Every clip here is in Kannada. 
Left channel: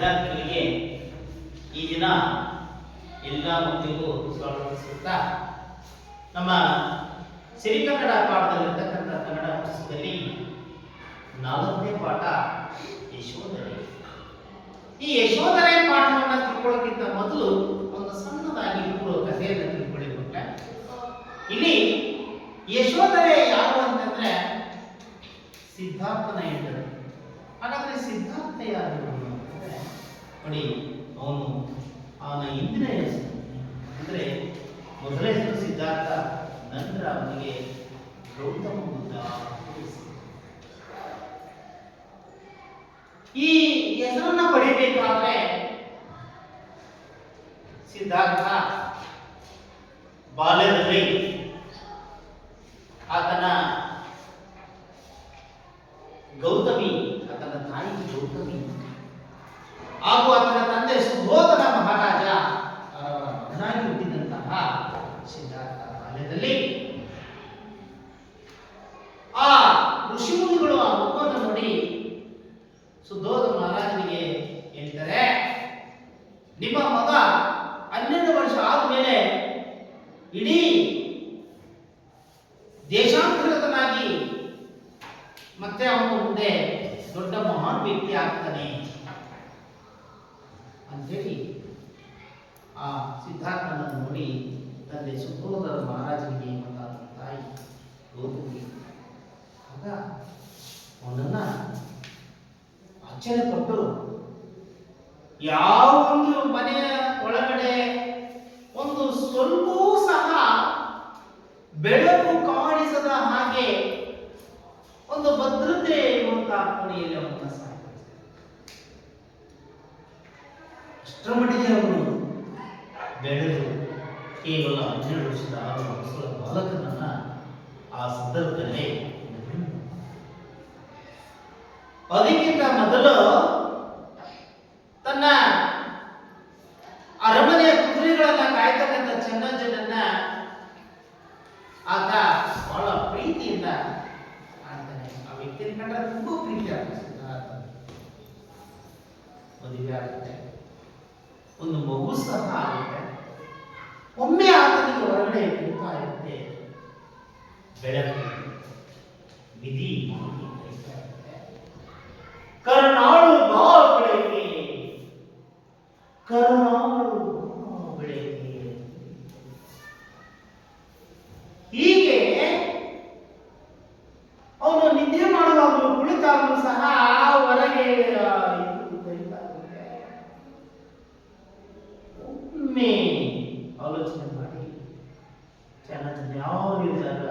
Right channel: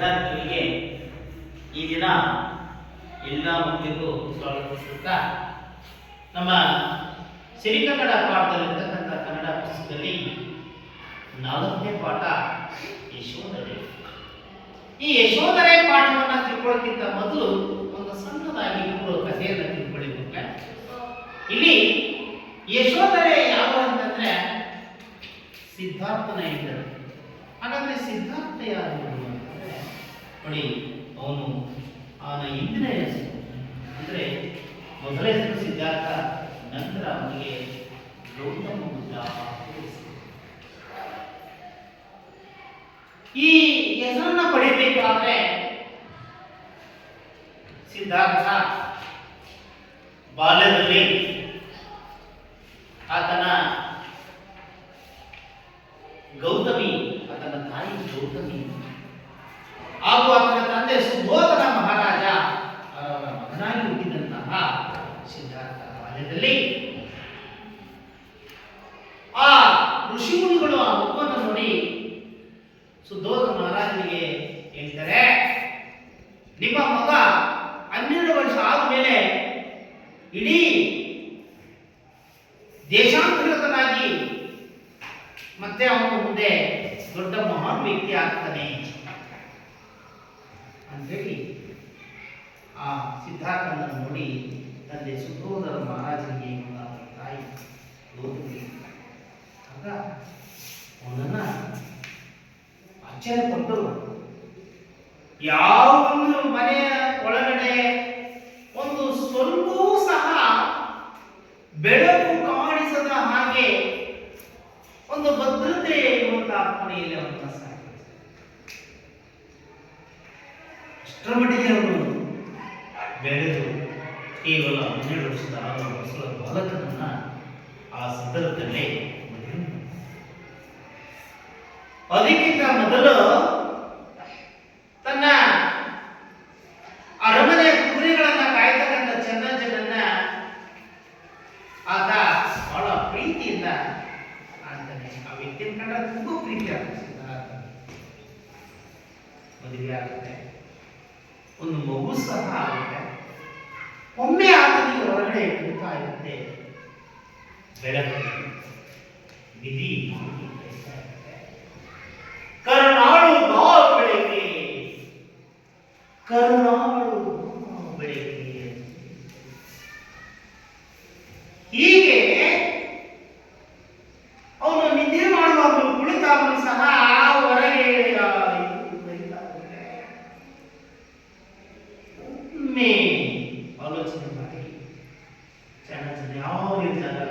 ವಿದ್ಯಾರ್ಥಿಗಳಿಗೆ ಈ ದಿನ ಎಲ್ಲ ಮಕ್ಕಳಿಗೂ ಸ್ವಾಗತಿಸುತ್ತಾ ನಮ್ಮ ಸಿರಿಕನ್ನಡ ಪಾಠದಲ್ಲಿರ್ತಕ್ಕಂಥ ಕನ್ನಡ ಪುಸ್ತಕದಲ್ಲಿ 4ನೇ ಪಾಠ ಯಶೋಧರೆ. ಈ ಯಶೋಧರೆ ಪಾಠವನ್ನು ತಿಳ್ಕೊಳ್ಳೋಕ್ಕಿಂತ ಮೊದಲು ಒಂದು ಸಣ್ಣದಾಗಿ ಪೂರ್ವ ಕಥೆಯನ್ನು ತಿಳ್ಕೊಳ್ಳಿಕ್ಕೆ. ಇಲ್ಲಿ ಯಶೋಧರೆ ಯಾವ ಅಂತಂದ್ರೆ ಸಿದ್ಧಾರ್ಥನ ಇದ್ದರು. ಹಾಗಾದ್ರೆ ಸಿದ್ಧಾರ್ಥ ಯಾರು ಅಂತಂದ್ರೆ ನೋಡಿ, ಅವನ ಹಿಂದಿನ ಹೆಸರು ಅಂದ್ರೆ ಮೊದಲ ಹೆಸರು ಸಿದ್ಧಾರ್ಥ, ನಂತರ ಅವನಿಗೆ ಗೌತಮ ಬುದ್ಧ. ಈ ಹೆಸರನ್ನ ಪಡೆಯಬೇಕಾದ್ರೆ ಸಿದ್ಧಾರ್ಥ ಬಾಲ್ಯದಲ್ಲಿ ಆತನ ಗೌತಮಿ, ಆತನ ತಾಯಿ ಗೌತಮಿ ಹಾಗೂ ಆತನ ತಂದೆ ಸುಬೋಧನ ಮಹಾರಾಜ ಮಗನಾಗಿ ಹುಟ್ಟಿದಂತಹ ಸಿದ್ಧಾರ್ಥ ಬಾಲ್ಯದಲ್ಲಿ ಆ ಋಷಿಮುನಿಗಳು ಆ ಮಗುವನ್ನು ನೋಡಿ ಸುಬೋಧನ ಮಹಾರಾಜನಿಗೆ ಹೇಳ್ತಾರೆ, ನಿಮ್ಮ ಮಗ 12 ವರ್ಷ ಆದ್ಮೇಲೆ ಇಡೀ ದೇಶಾಂತರಿತನಾಗಿ ಮತ್ತೆ ಅವನು ಮುಂದೆ ದೊಡ್ಡ ಮಹಾನ್ ವ್ಯಕ್ತಿ ಆಗ್ತಾನೆ ಅಂತೇಳಿ ಆ ಸಿದ್ಧಾರ್ಥನ ನೋಡಿ ತಂದೆ ಸುಬೋಧನ ಮಹಾರಾಜನಿಗೆ ಮತ್ತು ತಾಯಿ ಗೌತಮಿ ಆಗ ಅವನನ್ನ ಆಶ್ಚರ್ಯಪಟ್ಟು ಯಾವೊಂದು ಮನೆಯ ಒಳಗಡೆ ಒಂದು ಸ್ವಲ್ಪವೂ ಸಹ ಬೆಳಕು ಕಾಣಿಸದ ಹಾಗೆ ಒಂದು ಭದ್ರತೆ ಇರುವಂತಹ ಕೋಣೆಯಲ್ಲಿ ಅವನನ್ನು ಸಾಕಿದ್ದಾರೆ. ಅಷ್ಟರ ಮಟ್ಟಿಗೆ ಅವನು ಬೆಳೆದು ಕೇವಲ 12 ವರ್ಷದ ಹೊಸ ಬಾಲಕನನ್ನ ಆ ಸಂದರ್ಭದಲ್ಲೇ ಅದಕ್ಕಿಂತ ಮೊದಲು ತನ್ನ ಅರಮನೆಯ ಕುದುರೆಗಳನ್ನ ಕಾಯ್ತಕ್ಕಂಥ ಚೆನ್ನಜ್ಜನನ್ನ ಆತ ಬಹಳ ಪ್ರೀತಿಯಿಂದ ಆಡ್ತಾನೆ. ಆ ವ್ಯಕ್ತಿಯನ್ನು ಕಂಡ್ರೆ ತುಂಬಾ ಪ್ರೀತಿ ಆಗ್ತದೆ. ಮದುವೆ ಆಗುತ್ತೆ, ಒಂದು ಮಗು ಸಹ ಆಗುತ್ತೆ. ಒಮ್ಮೆ ಆತನಿಗೆ ಹೊರಗಡೆ ಕುಡಿತಾ ಇರುತ್ತೆ ಬೆಳಕು, ವಿಧಿ ಕರುನಾಳು ಬಾ ಬೆಳಗ್ಗೆ, ಕರುನಾಳು ಬೆಳಗ್ಗೆ. ಹೀಗೆ ಅವನು ನಿದ್ದೆ ಮಾಡುವಾಗಲೂ ಕುಳಿತಾಗಲೂ ಸಹ ಹೊರಗೆ ಒಮ್ಮೆ ಆಲೋಚನೆ ಮಾಡಿ ಚೆನ್ನಾಗಿ ಯಾವ ರೀತಿಯಾಗ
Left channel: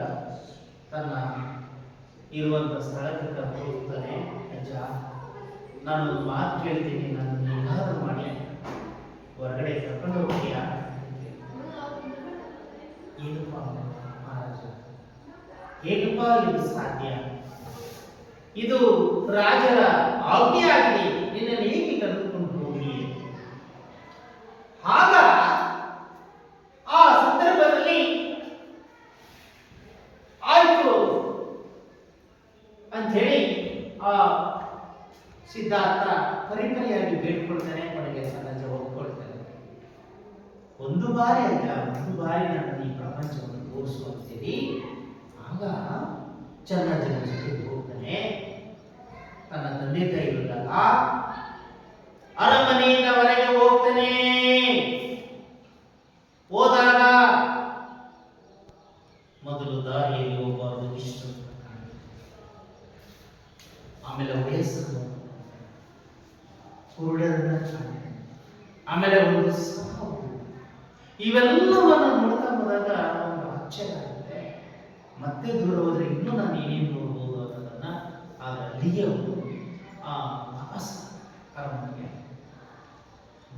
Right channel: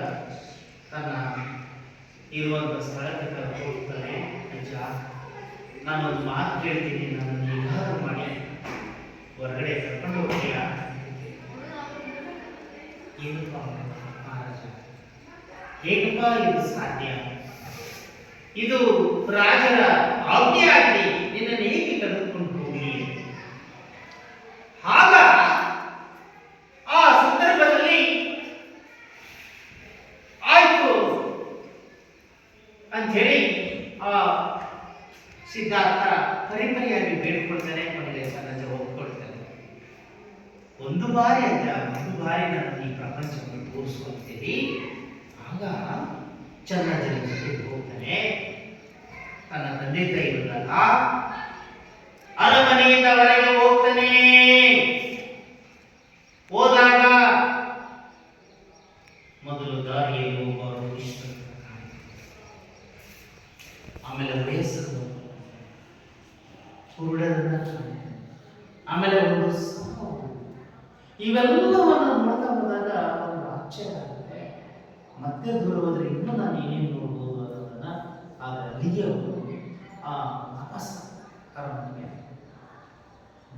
ತನ್ನ ಇರುವಂತ ಸ್ಥಳಕ್ಕೆ ಕರ್ಕೊಂಡು ಹೋಗ್ತಾನೆ. ಅಜ್ಜ, ನಾನೊಂದು ಮಾತು ಕೇಳ್ತೀನಿ, ನನ್ನನ್ನು ಹೇಗಾದ್ರೂ ಮಾಡಿ ಹೊರಗಡೆ ಕರ್ಕೊಂಡು ಹೋಗ್ತೀಯಾ? ಏನಪ್ಪ ಮಹಾರಾಜ, ಹೇಗಪ್ಪ ಇದು ಸಾಧ್ಯ? ಇದು ರಾಜರ ಆಜ್ಞೆ ಆಗಲಿ, ನಿನ್ನನ್ನು ಹೇಗೆ ಕರೆದುಕೊಂಡು ಹೋಗಿ? ಆಗ ಆ ಸಂದರ್ಭದಲ್ಲಿ ಆಯ್ತು ಅಂಥೇಳಿ ಆ ಸಿದ್ಧಾರ್ಥ ಪರಿಪರಿಯಾಗಿ ಬೇಡ್ಕೊಳ್ತಾನೆ. ಕೊನೆಗೆ ಸಹಜ ಒಪ್ಕೊಳ್ತಾನೆ. ಒಂದು ಬಾರಿ ನಾನು ಈ ಪ್ರಪಂಚವನ್ನು ತೋರಿಸ್ಕೊಳ್ತೀನಿ. ಆಗ ಚೆನ್ನಜ್ಜನ ಜೊತೆಗೆ ಹೋಗ್ತಾನೆ. ತನ್ನ ತಂದೆ ತಾಯಿ ಇರುತ್ತಲ್ಲ, ಅರಮನೆಯಿಂದ ಹೊರಗೆ ಹೋಗ್ತಾನೆ. ಹೋದಾಗ ಮೊದಲು ದಾರಿಯಲ್ಲಿ ಒಬ್ಬರು ಇಷ್ಟ, ಆಮೇಲೆ ವಯಸ್ಸು ಕುರುಡರನ್ನ, ಆಮೇಲೆ ಒಂದು ಸಾವು. ಇವೆಲ್ಲವನ್ನು ನೋಡ್ತಾ ಹೋದಾಗ ಒಂದು ಆಶ್ಚರ್ಯ ಆಗುತ್ತೆ. ಮತ್ತೆ ದೂರ ಹೋದ್ರೆ ಇನ್ನೂ ನಾನು ಏನೇನು ನೋಡ್ಬೋದು ಅನ್ನೋದನ್ನ ಆಗ ಅಲ್ಲಿಗೆ ಅವರು ಆ ವಾಪಸ್ ಅರಮನೆಗೆ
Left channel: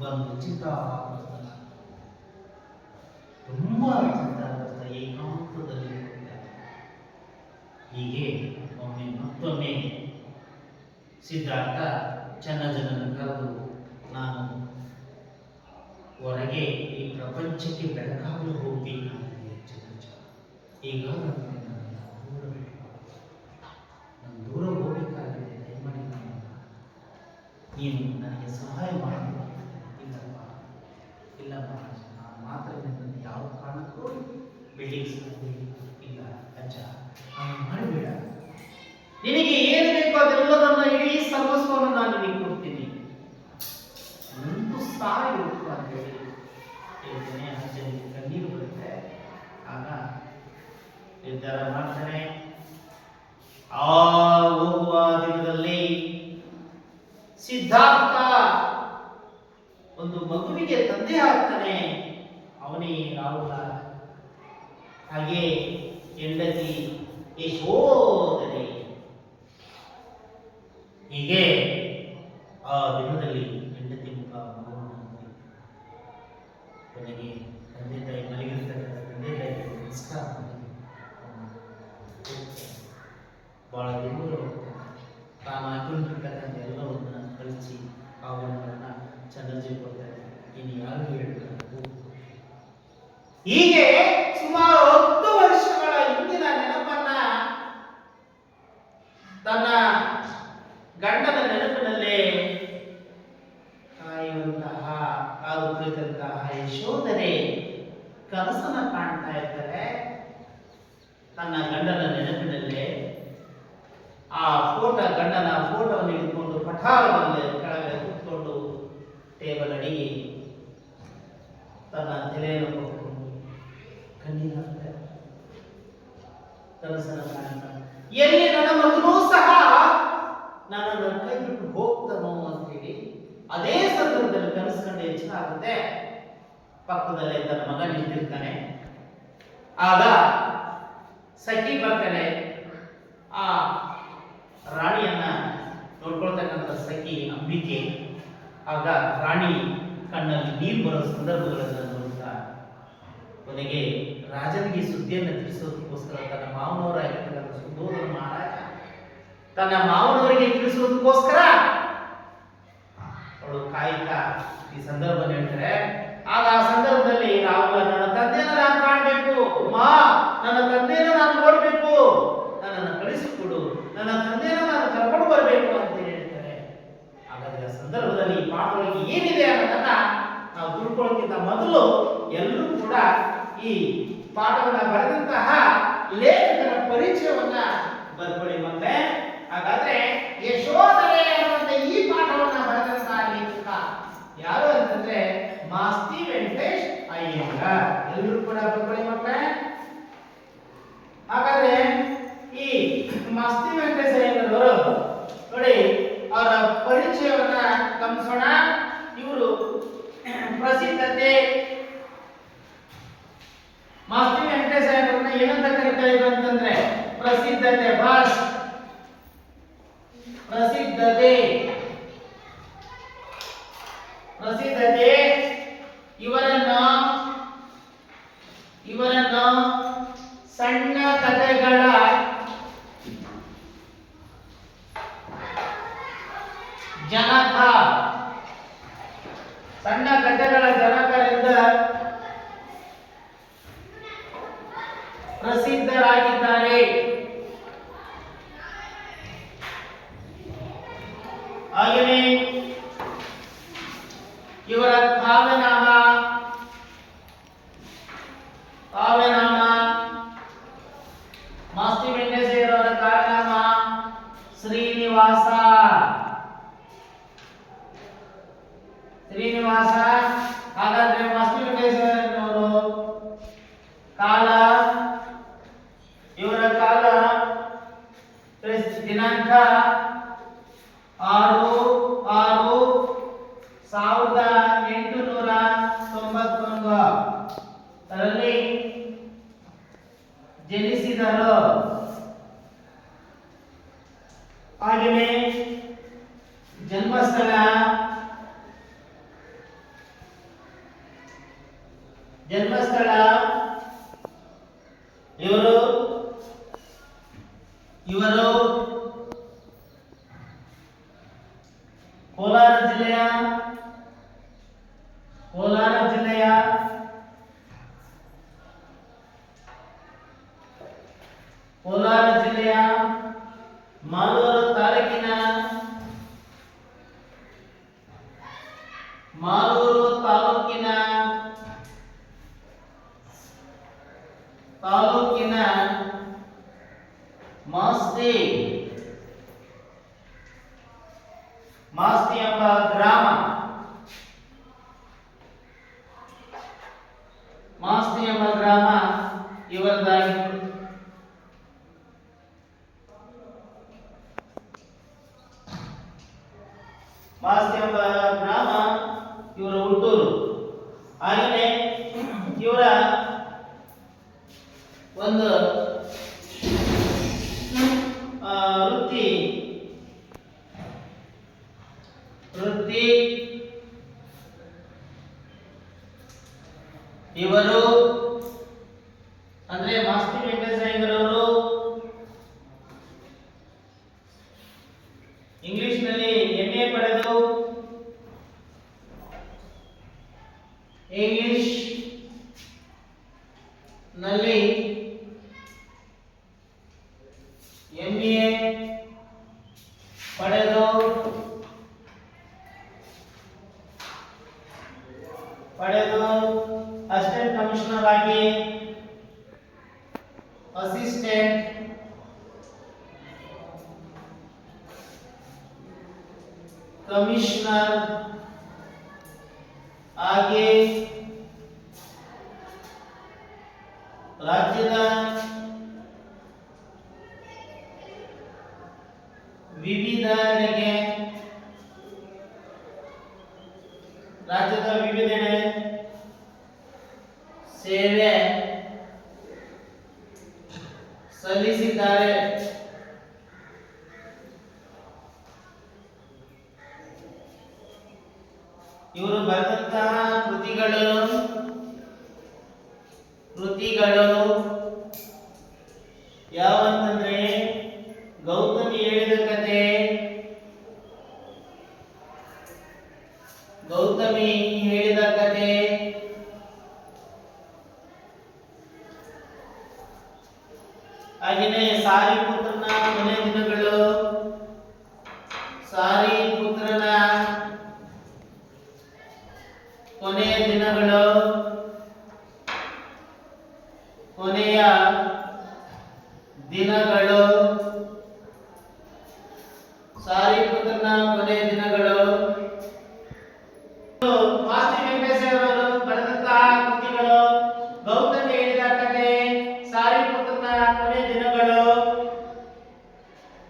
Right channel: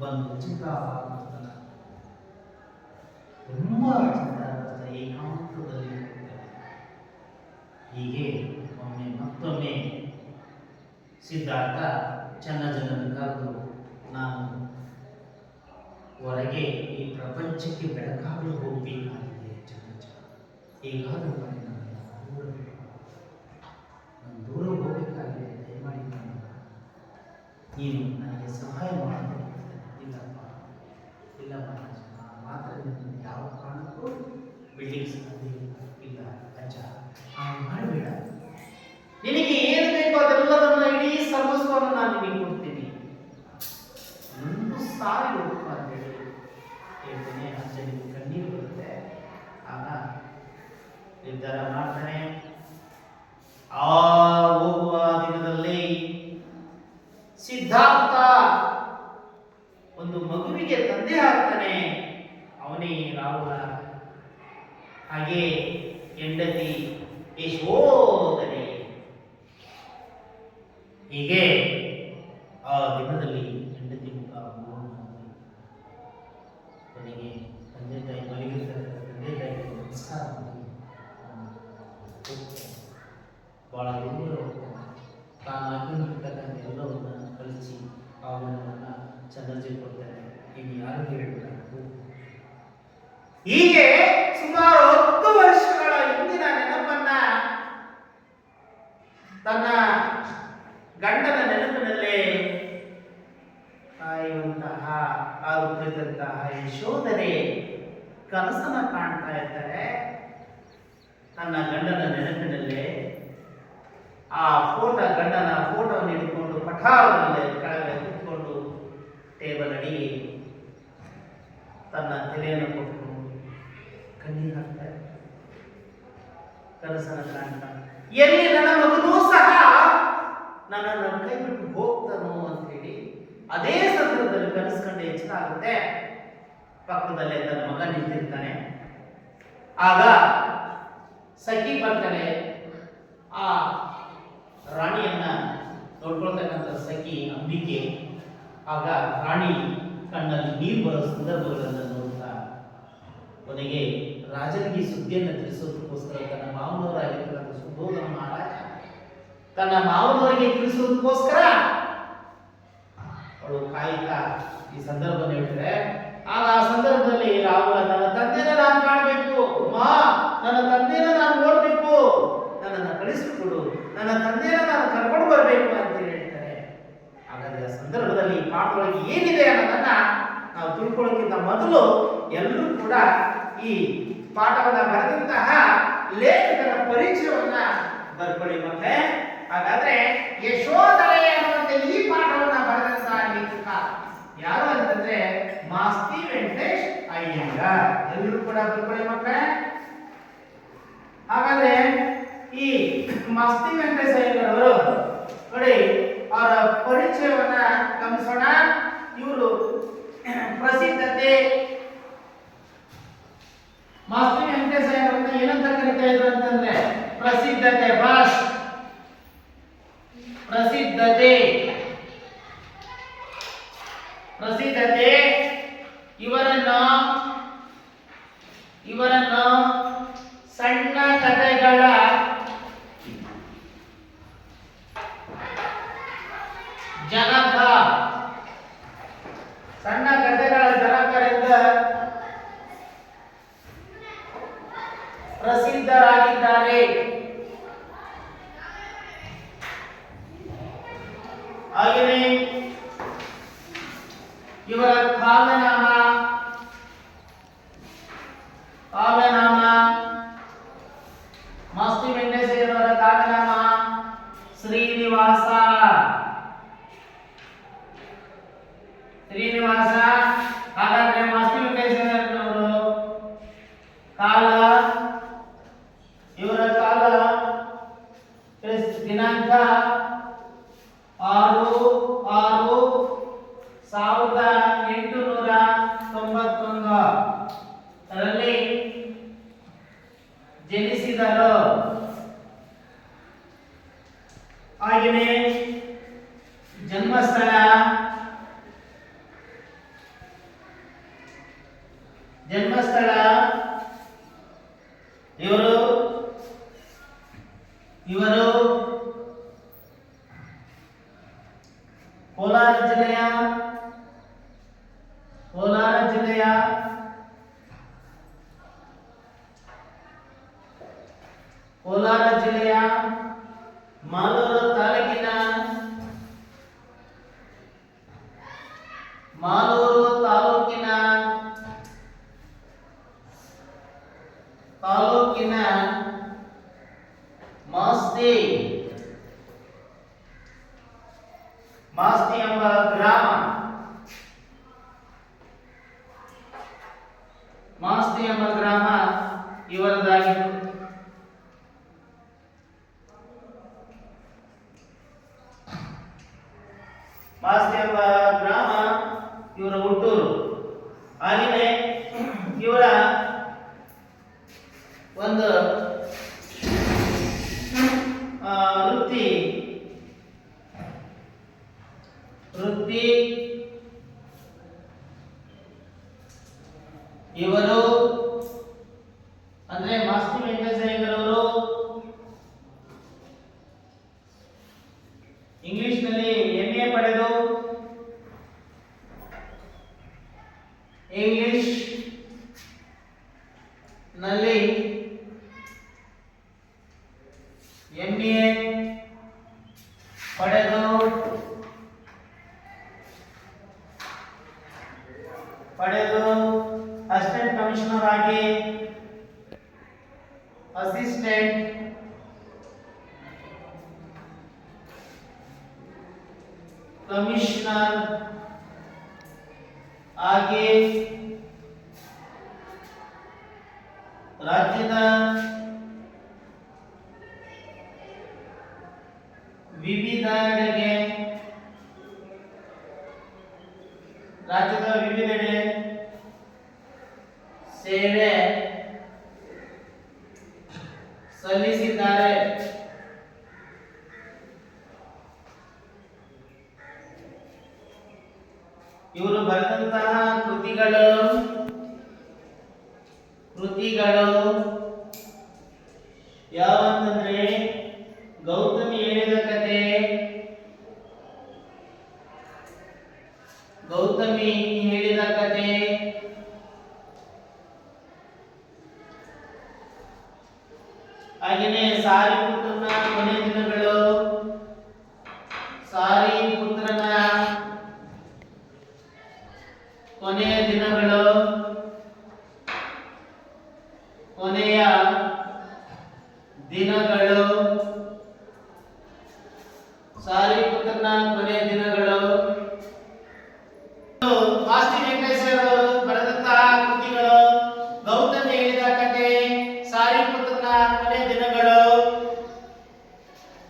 ಬಂದು ಚಿಂತಾವರ್ತನ ತುಂಬಾ ಚಿಂತಾವರ್ತ ಏಕಾಂತದಲ್ಲಿ ಹೋಗ್ತಾರೆ. ಹೀಗೆ ಮತ್ತೊಮ್ಮೆ ಸಿದ್ಧಾರ್ಥ ಚೆನ್ನಜ್ಜನನ್ನು ಕರೆದು, ನಾನು ಹೊರಗೆ ಈ ಪ್ರಪಂಚಕ್ಕೆ ಬೆಳಕಾಗಲು ಹೋಗಬೇಕಾಗಿದೆ ಚೆನ್ನಜ್ಜ, ಹೇಗಾದರೂ ಮಾಡಿ ನನ್ನನ್ನು ದೂರ ಬಿಟ್ಟು, ನಾನು ದೂರ ಹೋಗಬೇಕಾಗಿದೆ, ದಯಮಾಡಿ ನೀನು ನನಗೆ ಸಹಾಯ ಮಾಡಿ ನಾನು ನಿನಗೆ ಕೊಡ್ತೀನಿ, 1,000 ರೂಪಾಯಿ ಅಂತ ಹೇಳಿ ಹೇಳ್ತೇನೆ. ಅಜ್ಜನಿಗೆ ಕಣ್ಣೀರು ಬರುತ್ತೆ. ಆಗ ನಿರ್ಧಾರ ಮಾಡ್ತಾನೆ. ಆ ಹೋಗುವ ದಿನದಲ್ಲಿ ಸಿದ್ಧಾರ್ಥ ಒಂದು ಮಗುವಿಗೆ ತಂದೆ ಆಗ್ತಾನೆ. ಅವನೇ ರಾಹುಲ. ಹಾಗೆ ಹೆಂಡತಿ ಯಶೋಧನೆ. ಹೀಗೆ ಆ ದಿನದಲ್ಲಿ ಹೆಂಡತಿ ಮುಖ ಕೊನೆಗೆ ತಂದೆ ತಾಯಿ ಮಲಗಿರ್ತಕ್ಕಂಥ ತಂದೆ ತಾಯಿಗೆ ನಮಸ್ಕಾರ ಮಾಡಿ ಬಹಳ ದೂರ ತಾನು ಹಾಕೊಂಡಿರ್ತಕ್ಕಂಥ ಎಲ್ಲವನ್ನ ಕಳಿಸಿ ಆ ಹೂವನ್ನು ಚಂದ್ರಜಿ ಕೊಡ್ತಾರೆ. ಇನ್ನು ಯಾರು ಹೇಳಬೇಕು. ಹೀಗೆ ಸುಮಾರು 10 ವರ್ಷಗಳ ಹಿಂದಿನ ನೆನಪನ್ನ ತನ್ನ ಗಂಡನ ನೆನಪಿನಲ್ಲೇ ಕಾಯುವಂತಹ ಹಾಗೂ ಕುಳಿತಂತಹ ಯಶೋಧನೆ ಕನಸನ್ನ ಕಾಣ್ತಾ ಇರ್ತಾರೆ. ತನ್ನ ಗಂಡನ ನೆನಪಿನಲ್ಲೇ ಆ ಗಂಡನ ಫೋಟೋವನ್ನು ಹಿಡ್ಕೊಂಡು ಪಠಾರದಲ್ಲಿ ಕೆಳಗೆ ಕೂತ್ಕೊಂಡು ಟೇಬಲ್ ಅಡಿ ತನ್ನ ತಲೆಯನ್ನು ಕೊಟ್ಕೊಂಡು ಕಣ್ಣೀರು ಹಾಕ್ತಾರೆ. ಕನಸನ್ನು ಕಾಣ್ತಾನೆ. ಎಲ್ಲಿ ನನ್ನ ಮಗನೂ ಸಹ ನನ್ನನ್ನು ಕೈ ಬಿಟ್ಟು ಹೋಗ್ತಾನೋ ಅಂತ ಹೇಳಿ ಅದೇ ಸಂದರ್ಭದಲ್ಲಿ ಕನಸು ಕಂಡು ಎಚ್ಚರ ಆಗುತ್ತೆ. ಪಕ್ಕದಲ್ಲೇ ತನ್ನ ಮಗ ನಿಂತಿರ್ತಾನೆ. ಆಗ ಸಖಿ ಬರ್ತಾಳೆ. ಆ ರಾಣಿಯನ್ನ ನೋಡ್ಕೊಳ್ತಕ್ಕಂಥ ಸಖಿ ಅಂಬಿಕೆ. ಆಗ ರಾಣಿ ಕಣ್ಣಲ್ಲಿ ನೀರು ಬರೋ ಸಂದರ್ಭಗಳನ್ನು ನೋಡ್ತಾ ಕೊನೆಗೆ ರಾಜನಿಗೆ ಸುದ್ದಿಯನ್ನು ತಿಳಿಸೋದಕ್ಕೋಸ್ಕರ ತನ್ನ ಮಾವನವರಾಗಿರ್ತಕ್ಕಂಥ ಸುಬೋಧನ ಮಹಾರಾಜ ತನ್ನ ಮಾವನವರಿಗೆ ತಿಳಿಸೋದಕ್ಕೋಸ್ಕರ ಅವಳು ಕಾಯ್ತಾ ಈ ಸಂದರ್ಭ ಹೇಳ್ತಾರೆ. ಆಗ ಆ ಸಂದರ್ಭದಲ್ಲಿ ರಾಹುಲ ನನ್ನ ತಂದೆಯನ್ನು ನಾನು ಕಾಣಬೇಕು, ನನ್ನ ತಂದೆಯನ್ನು ನಾನು ನೋಡಬೇಕು, ನನ್ನನ್ನು ಕಳಿಸಿಕೊಡು, ನನ್ನ ತಂದೆಯನ್ನು ನಾನು ಕರ್ಕೊಂಡು ಬರಬೇಕು ಅಂತ ಹೇಳ್ತಾರೆ. ಹಾಗಾದ್ರೆ ಆ ಸಂದರ್ಭದಲ್ಲಿ ಈ ಪಾಠದೊಳಗೆ ಏನಿದೆ ಅನ್ನೋದನ್ನ ನಾವು ತಿಳ್ಕೊಳ್ಳೋಕ್ಕಿಂತ ಮೊದಲು ಎಲ್ಲರೂ ಕೂಡ ಈ ಪಾಠವನ್ನ ಬರೆದಂತಹ ಲೇಖಕರ ಪರಿಚಯವನ್ನ ಬರ್ಕೊಳ್ಳಿ ಮತ್ತೆ. ಹಾಗಾದ್ರೆ ಯಶೋಧರೆ ಅನ್ನುವಂತ ಈ ಪಾಠವನ್ನ ಬರೆದಂತಹ ಲೇಖಕ ಯಾರು ಅಂತಂದ್ರೆ ಮಾಸ್ತಿ ವೆಂಕಟೇಶ್ ಅಯ್ಯಂಗಾರ್. ಎಲ್ಲರೂ ಕೂಡ ಬರ್ಕೊಳ್ಳಿ ಮಕ್ಕಳೇ. ಹಾಗಾದ್ರೆ ಈ ಮಾಸ್ತಿ ವೆಂಕಟೇಶ್ ಅಯ್ಯಂಗಾರ್ ಅವರು ನೋಡಿ ಅವರ ಪರಿಚಯವನ್ನ ಗಮನಿಸೋಣ. ಇವರು ಪ್ರಸಿದ್ಧತೆ ಮಾಸ್ತಿ ವೆಂಕಟೇಶ್ ಅಯ್ಯಂಗಾರ್ನ ಏನಂತ ಕರೀತಾ ಇದ್ರು ಅಂತಂದ್ರೆ ಪ್ರಸಿದ್ಧತೆ. ಬಾಸ್ ಪ್ರಸಿದ್ಧತೆ ಇವರನ್ನು ಸಣ್ಣ ಕಥೆಗಳ ಜನಕ, ಸಣ್ಣ ಕಥೆಗಳ ಜನಕರಿಂದ ಪ್ರಸಿದ್ಧರಾಗಿದ್ದಾರೆ. ಹಾಗೆಯೇ ಇವರ ಕಾವ್ಯನಾಮ ಮಾಸ್ತಿ ವೆಂಕಟೇಶ್ ಅಯ್ಯಂಗಾರ್ ಅವರ ಕಾವ್ಯನಾಮ ಶ್ರೀನಿವಾಸ. ಹಾಗಾದ್ರೆ ಮಾಸ್ತಿ ವೆಂಕಟೇಶ್ ಅಯ್ಯಂಗಾರ್ ಅವರು ಕಾಲ, ಇವರ ಕಾಲ ದಿನಾಂಕ 6/6/1891 ರಲ್ಲಿ ಜನಿಸಿದರು. ಹಾಗೆಯೇ ಜನ್ಮಸ್ಥಳ ಇವರು ಕೋಲಾರ ಜಿಲ್ಲೆಯ ಮಾಲೂರು ತಾಲೂಕಿನ ಮಾಸ್ತಿ ಎಂಬ ಗ್ರಾಮ, ಮಾಸ್ತಿ ಎಂಬ ಗ್ರಾಮ ಇವರದಾಗಿತ್ತು. ಮಾಸ್ತಿ ಎಂಬ ಗ್ರಾಮ ಇವರ ಹುಟ್ಟೂರು. ಹಾಗೆಯೇ ಇವರ ಒಂದು ವೃತ್ತಿ ಇವರು ಅಂದ್ರೆ ಮಾಸ್ತಿ ವೆಂಕಟೇಶಯ್ಯನವರು ಇಂಗ್ಲಿಷ್ ನಲ್ಲಿ MA ಪಡೆದು ಇಂಗ್ಲಿಷ್ ನಲ್ಲಿ MA ಪಡೆದು ಅಸಿಸ್ಟೆಂಟ್ ಕಮಿಷನರ್ ಆಗಿ ಅಸಿಸ್ಟೆಂಟ್ ಕಮಿಷನರ್ ಆಗಿ ರಾಜ್ಯದ ವಿವಿಧೆಡೆಗೆ ಸೇವೆ ಸಲ್ಲಿಸಿದ್ದಾರೆ. ಇವರು ಬರೆದಂತಹ ಕೃತಿಗಳು ಯಾವಂತಂದ್ರೆ ಗೌತಮಿ ಹೇಳಿದ ಕತೆ, ಹಾಗೆಯೇ ಸಾರಿಪುತ್ರನ ಕೊನೆ ದಿನಗಳು, ಸಾರಿಪುತ್ರನ ಕೊನೆಯ ದಿನಗಳು, ಕೊನೆಯ ದಿನಗಳು, ಸಾರಿಪುತ್ರನ ಕೊನೆಯ ದಿನಗಳು. ಮಾಸ್ತಿ ವೆಂಕಟೇಶಯ್ಯನವರು ಬರೆದಂತಹ ಕೃತಿಗಳು ಗೌತಮಿ ಹೇಳಿದ ಕತೆ, ಸಾರಿಪುತ್ರನ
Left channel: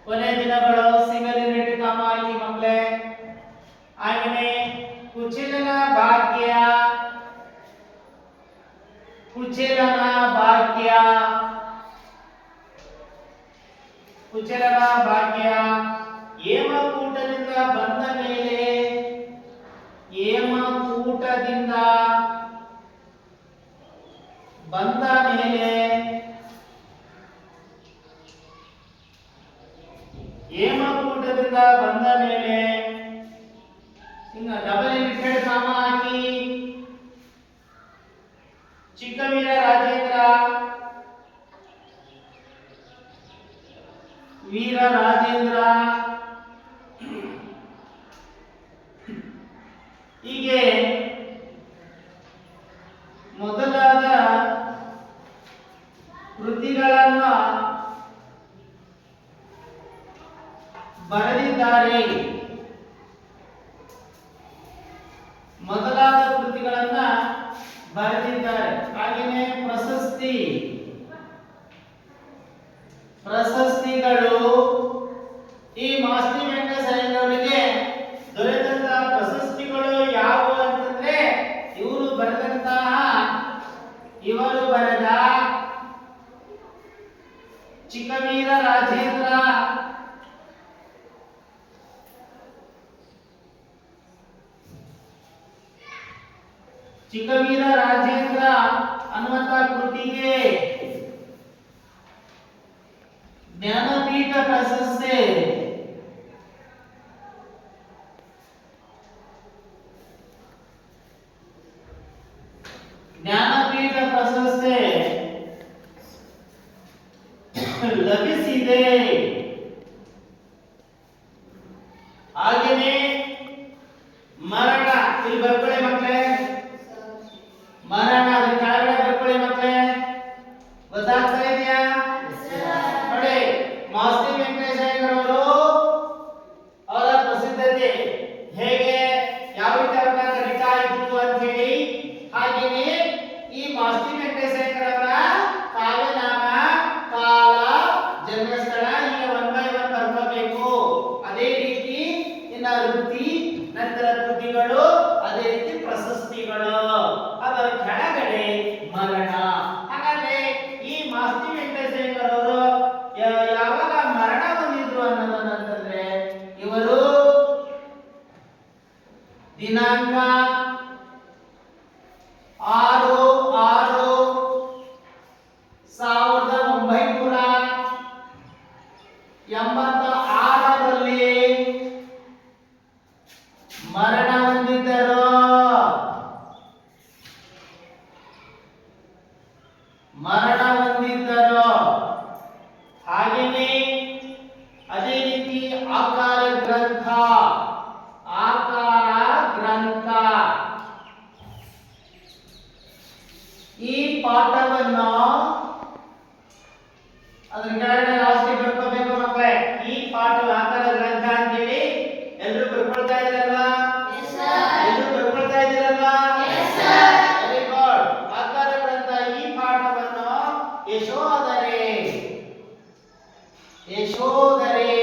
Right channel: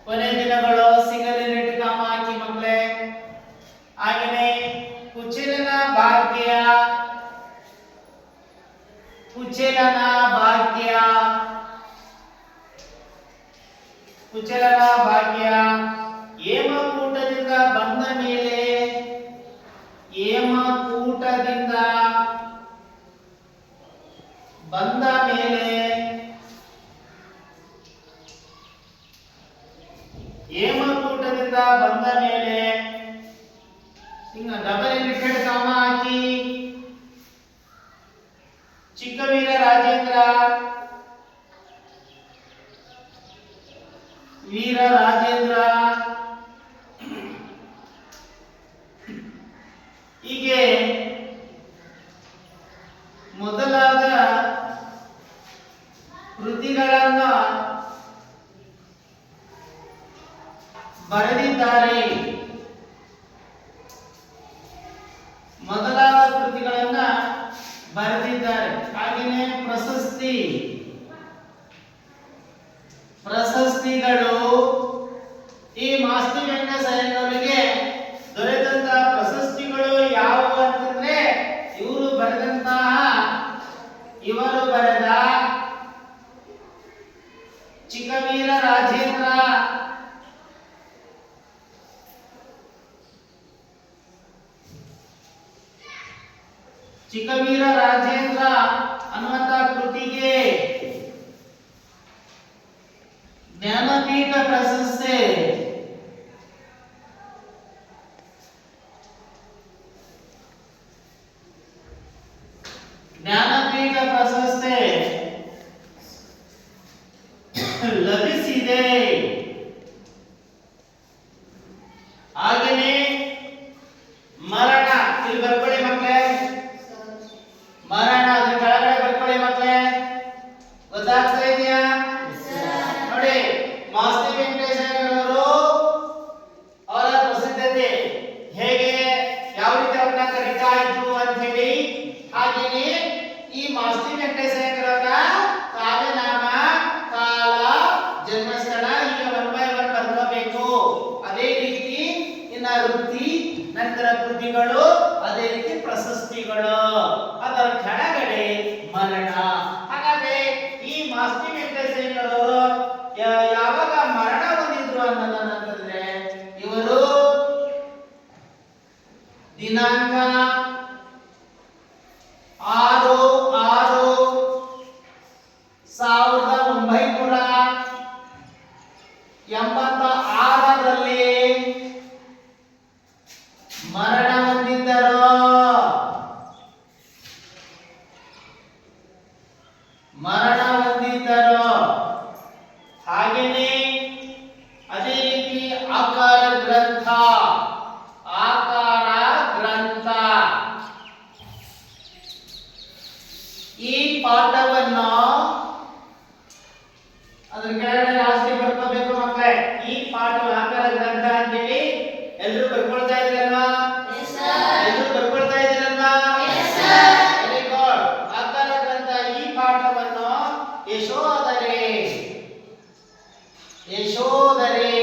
ಕೊನೆ ದಿನಗಳು, ಸಿಂಗಲ್ ನೆಟ್ ಕಾಮ ಹಾಕಿ ಮಕ್ಕಳೇ. ಹಾಗೆಯೇ ಕುಚೇಲನ ಭಾಗ್ಯ, ಹೇಮಕೂಟದಿಂದ ಬಂದ ಮೇಲೆ, ಹೇಮಕೂಟದಿಂದ ಬಂದ ಮೇಲೆ ಹಿಂಗ ಡಬಲ್ ಇಂಟೆಡ್ ಕಾಮ ಹಾಕಿ ಚಿಕ್ಕವೀರ ರಾಜೇಂದ್ರ, ವೀರ ರಾಜೇಂದ್ರ, ಹೀಗೆ ಮೊದಲಾದ ಕೃತಿಗಳನ್ನು ಬರೆದಿದ್ದಾರೆ. ಹಾಗೆಯೇ ಪ್ರಶಸ್ತಿಗಳು, ಈ ಮಾಸ್ತಿ ವೆಂಕಟೇಶಯ್ಯನವರಿಗೆ ದೊರೆತಂತಹ ಪ್ರಶಸ್ತಿಗಳು ಯಾವುವು ಅಂತಂದ್ರೆ ಇವರು ಬರೆದ ಚಿಕ್ಕವೀರ ರಾಜೇಂದ್ರ, ಅನ್ನುವಂತಹ ಕೃತಿಗೆ ಜ್ಞಾನಪೀಠ ಪ್ರಶಸ್ತಿ, ಲಭಿಸಿದೆ. ಹಾಗೆಯೇ ಮರಣ, ಇಲ್ಲಿ ಬರ್ಕೊಳ್ಳಿ ಮಕ್ಕಳೇ, ಮರಣ ಅದ್ರ ಕೆಳಗಡೆ ಬರ್ಕೊಳ್ಳಿ ಮಕ್ಕಳೇ, ಗೊತ್ತಾಗ್ತಾ ಇದೆಯಾ? ನೋಡಿ, ಮಾಸ್ತಿ ವೆಂಕಟೇಶಯ್ಯನವರು ಅವರ ಪ್ರಸಿದ್ಧತೆ ವೆಂಕಟೇಶಯ್ಯಂಕರ್ ಅವರ ಕಾವ್ಯನಾಮ, ಕಾಲ, ಜನ್ಮಸ್ಥಳ ಈಗ 1 by 1 ಬರ್ಕೋಬೇಕು. ಅದೇ ರೀತಿ ಇನ್ನ ವೃತ್ತಿ, ನಂತರ ಕೃತಿಗಳು, ಅದೇ ರೀತಿ ಪ್ರಶಸ್ತಿಗಳು, ಅದರ ಕೆಳಗಡೆ ಮರಣ. ಹಾಗಾದ್ರೆ ಈ ಮಾಸ್ತಿ ವೆಂಕಟೇಶಯ್ಯಂಕರ್ ಅವರು ಯಾವಾಗ ಮರಣ ಹೊಂದಿದ್ರು ಅನ್ನೋದನ್ನಂತಂದ್ರೆ ಇವರು ದಿನಾಂಕ 6/6/1986ರಲ್ಲಿ ಮರಣ ಹೊಂದಿದ್ದರು. ಹಾಗೇನೆ ಅದೇ ರೀತಿ ಆಕಾರ ಗ್ರಂಥ ಈ ಪಾಠವನ್ನು ಅದರ ಕೆಳಗಡೆ ಲಾಸ್ಟಿಗೆ ಬರ್ಕೋಬೇಕು ಮಕ್ಕಳೇ. ಈ ಪಾಠ ಆಕಾರ ಗ್ರಂಥ ಅಂತೇಳಿ ಎಲ್ಲರೂ ಬರ್ಕೊಳ್ತಾ ಇದ್ದೀರಲ್ವಾ? ಎಲ್ಲರೂ ಬರ್ಕೊಳ್ತಾ ಇದ್ದೀರಲ್ವಾ? Very good. ಆಕಾರ ಗ್ರಂಥ ಈ ಪಾಠವನ್ನು ಯಶೋಧರೆ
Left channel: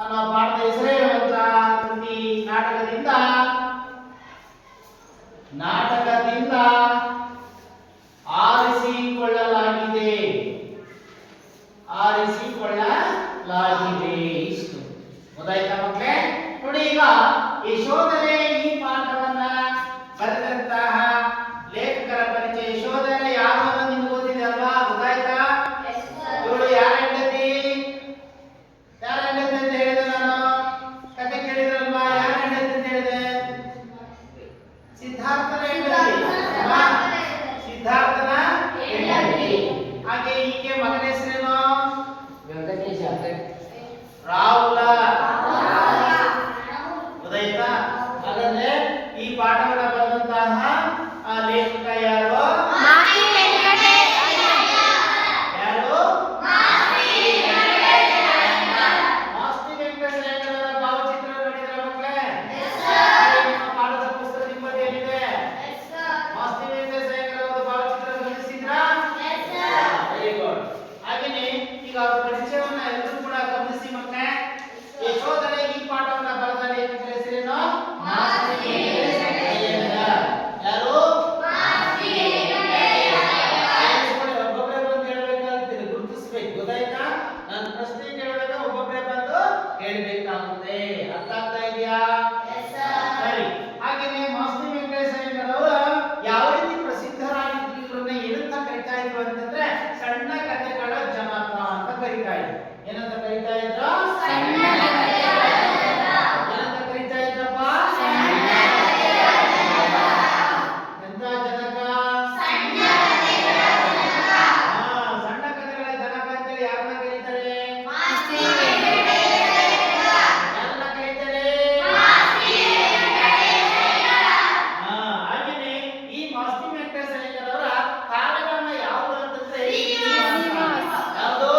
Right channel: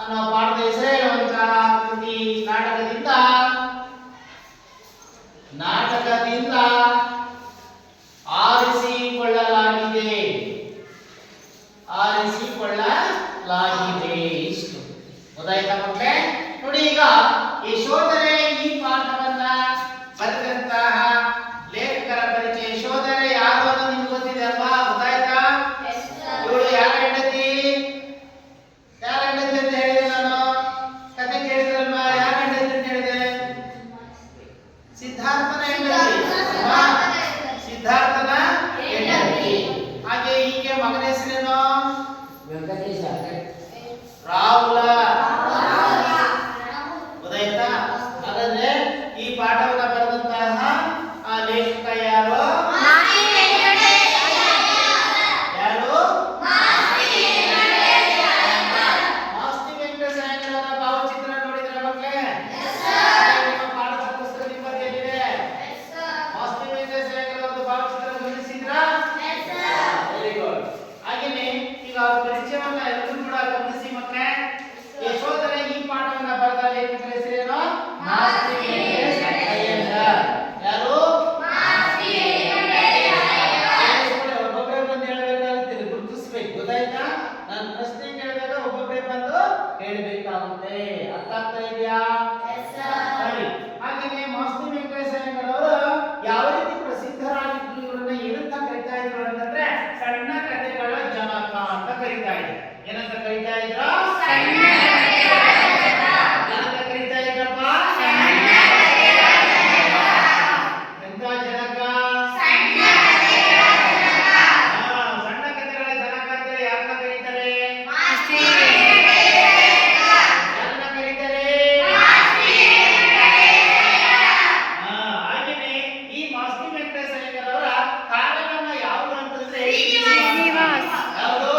ಅನ್ನೋ ಪಾಠದ ಹೆಸರೇಳುವಂತ ಕೃತಿ ನಾಟಕದಿಂದ ಆರಿಸಿಕೊಳ್ಳಲಾಗಿದೆ. ಇಷ್ಟು ಗೊತ್ತಾಯ್ತಾ ಮಕ್ಕಳೇ? ನೋಡಿ, ಈಗ ಯಶೋಧರೆ ಈ ಪಾಠವನ್ನ ಬರೆದಂತಹ ಲೇಖಕರ ಪರಿಚಯ. ಯಶೋಧರೆ ಯಾರು ಅಂತ ನಿಮ್ಗೆ ಗೊತ್ತಿದೆ ಅಲ್ವಾ? ಗೊತ್ತಾಯ್ತಾ? ಇವಳು ಯಾರ ಹೆಂಡತಿ ಅಂತ ಹೇಳಿದೆ ನಾನು. ಕತೆ ಕೇಳಿದ್ರಲ್ವಾ? ಯಾರ ಹೆಂಡತಿ ಅಂತ ಹೇಳಿದೆ? ಸಿದ್ಧಾರ್ಥನ ಹೆಂಡತಿ. ಹಾಗೆ ಈಕೆ ಮಗನ ಹೆಸರೇನು? ರಾಹುಲ. ಗೊತ್ತಾಯ್ತಾ? ಹಾಗಾದ್ರೆ ಈ ಪಾಠವನ್ನ ಬರೆದಂತಹ ಆ ಲೇಖಕ ಯಾರು? ಮಾಸ್ತಿ ವೆಂಕಟೇಶಯ್ಯಂಕರ್ ಅವರ ಭಾವಚಿತ್ರ ನೋಡಿದ್ರ ಮಕ್ಕಳೇ? ನಿಮ್ಮ ಪಾಠದ ಪುಸ್ತಕ ನಿಮ್ಮಲ್ಲಿದೆ. ಮಾಸ್ತಿ ವೆಂಕಟೇಶಯ್ಯಂಕರ್ ಅವರ ಭಾವಚಿತ್ರ ಗಮನಿಸಿದ್ರಾ? Very good. ಹಾಗೇನೆ ಈಗ ಪರಿಚಯವನ್ನ ಎಲ್ಲರೂ ಕೂಡ ಗಮನಿಸಿ ಮಕ್ಕಳೇ. ಯಶೋಧರೆ ಈ ಪಾಠವನ್ನ ಬರೆದ ಲೇಖಕರ ಹೆಸರೇನು? ಮಾಸ್ತಿ ವೆಂಕಟೇಶಯ್ಯಂಕರ್. ಯಾರು? ಒಬ್ಬೊಬ್ಬರೇ ಬಂದು ಹೇಳಬೇಕಾಗುತ್ತೆ, ಗುರುತಿಸ್ಬೇಕು. ಗೊತ್ತಾಯ್ತಾ? ನಾನು ಪ್ರಶ್ನೆ ಕೇಳಿದಾಗ ಒಬ್ಬೊಬ್ಬರೇ ಬಂದು ಹೇಳಬೇಕಾಗುತ್ತೆ. ಅರ್ಥ ಆಗ್ತಾ ಇದೆಯಾ? ಸರಿ. ಹಾಗೇನೆ ಮಾಸ್ತಿ ವೆಂಕಟೇಶಯ್ಯಂಕರ್ ಅವರು ಯಾವ ರೀತಿ ಪ್ರಸಿದ್ಧರಾಗಿದ್ರು, ಇವರನ್ನ ಏನಂತ ಕರಿತಾ ಇದ್ರು ಅಂತಂದ್ರೆ ಸಣ್ಣ ಕಥೆಗಳ ಜನಕ ಅಂತ ಕರಿತಾ ಇದ್ರು. ಏನಂತ ಕರಿತಾ ಇದ್ರು? ಏನಂತ ಕರಿತಾ ಇದ್ರಪ್ಪ? ಎಂತ ಜನಕ? ಸಣ್ಣ ಕಥೆಗಳ ಜನಕ ಅಂತ ಯಾರನ್ನ ಕರೀತಾರೆ? ಯಾರನ್ನ ಕರೀತಾರೆ? ಹಾಗೇನೆ ಈ ಮಾಸ್ತಿ ವೆಂಕಟೇಶಯ್ಯಂಕರ್ ಅವರ ಕಾವ್ಯನಾಮ ಯಾವುದು ಅಂತಂದ್ರೆ ಯಾವುದು?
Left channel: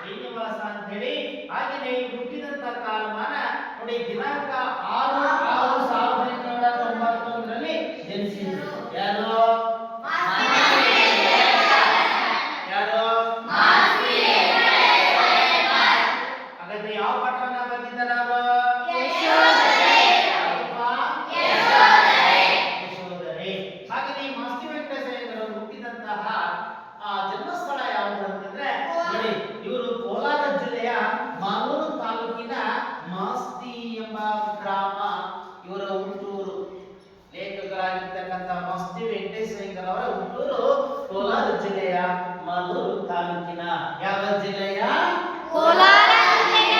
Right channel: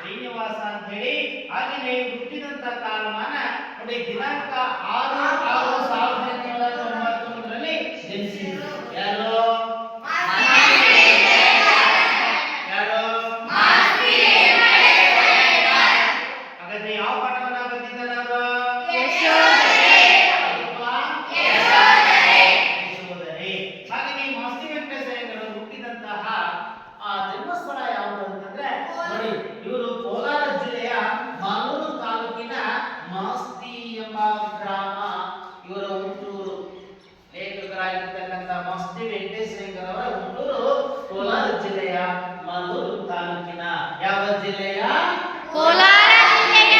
ಶ್ರೀನಿವಾಸ ಅಂತ ಹೇಳಿ. ಹಾಗೇನೆ ಹುಟ್ಟಿದಂತ ಕಾಲಮಾನ ನೋಡಿ, ದಿನಾಂಕ 6/6/1893ರಲ್ಲಿ ಜನಿಸಿದ್ರು. ಯಾರು? ಹಾಗಾದ್ರೆ ಯಾವ ಪಾಠವನ್ನ ಬರೆದಿದ್ದಾರೆ ಅವರು? ಯಶೋಧರೆ. ಹಾಗೆ ಮಾಸ್ತಿ ವೆಂಕಟೇಶಯ್ಯಂಕರ್ ಅವರು ಹುಟ್ಟಿದಂತಹ ಜನ್ಮಸ್ಥಳ ಯಾವುದು ಅಂತಂದ್ರೆ ನೋಡಿ, ಇವರು ಕೋಲಾರ ಜಿಲ್ಲೆಯ ಮಾಲೂರು ತಾಲೂಕಿನ ಮಾಸ್ತಿ ಎಂಬ ಗ್ರಾಮ ಇವರ ಹುಟ್ಟೂರು. ಲೇಖಕರಾಗಿರ್ತಕ್ಕಂಥ ಮಾಸ್ತಿ ವೆಂಕಟೇಶಯ್ಯಂಕರ್ ಅವರ ಹುಟ್ಟೂರು ಕೋಲಾರ ಜಿಲ್ಲೆಯ ಮಾಲೂರು ತಾಲೂಕಿನ ಯಾವ ಜಿಲ್ಲೆಯ? ಕೋಲಾರ ಜಿಲ್ಲೆಯ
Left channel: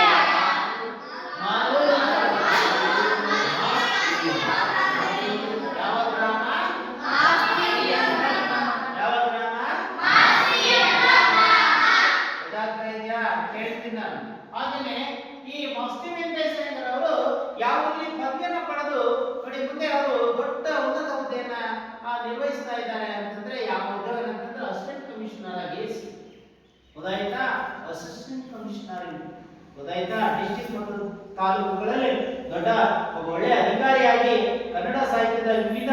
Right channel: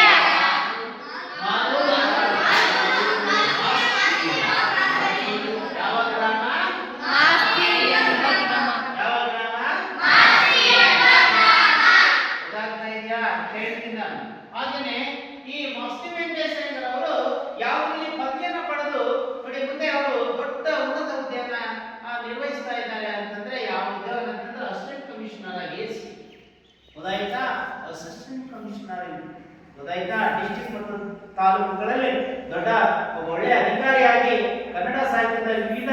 ಮಾಲೂರು. ಯಾವ ಗ್ರಾಮ? ಮಾಸ್ತಿ ಎಂಬ ಗ್ರಾಮ. ಯಾವ ಗ್ರಾಮ? ಗೊತ್ತಾಗ್ತಾ ಇದೆಯಾ? ಹೇಳ್ತೀನಿ ನಾನು. ಹಾಗೇನೆ ಈ ಮಾಸ್ತಿ ವೆಂಕಟೇಶಯ್ಯಂಕರ್ ಅವರು ಯಾವ ರೀತಿ ಪದವಿಯನ್ನು ಪಡೆದು ನೋಡಿ ಮುಂದೆ ಅವರು ದೊಡ್ಡ ಉನ್ನತ ಹುದ್ದೆಯನ್ನ ನಿರ್ವಹಿಸ್ತಾ ಇದ್ದಾರೆ ಅಂತಂದ್ರೆ ಯಾವ ಹುದ್ದೆ ಅಂತಂದ್ರೆ ಅಸಿಸ್ಟೆಂಟ್ ಕಮಿಷನರ್ ಆಗಿ. ಗೊತ್ತಾಯ್ತಾ? Assistant commissioner. ಗೊತ್ತಾಯ್ತಾ? ಡಿಸ್ಟ್ರಿಕ್ಟ್ ತಾಲೂಕುಗಳಲ್ಲಿ ದೊಡ್ಡ ಒಬ್ಬ ಒಳ್ಳೆಯ ಅಧಿಕಾರಿಯಾಗಿ ಕನ್ನಡ ಸಾಹಿತ್ಯದ ವಿವಿಧ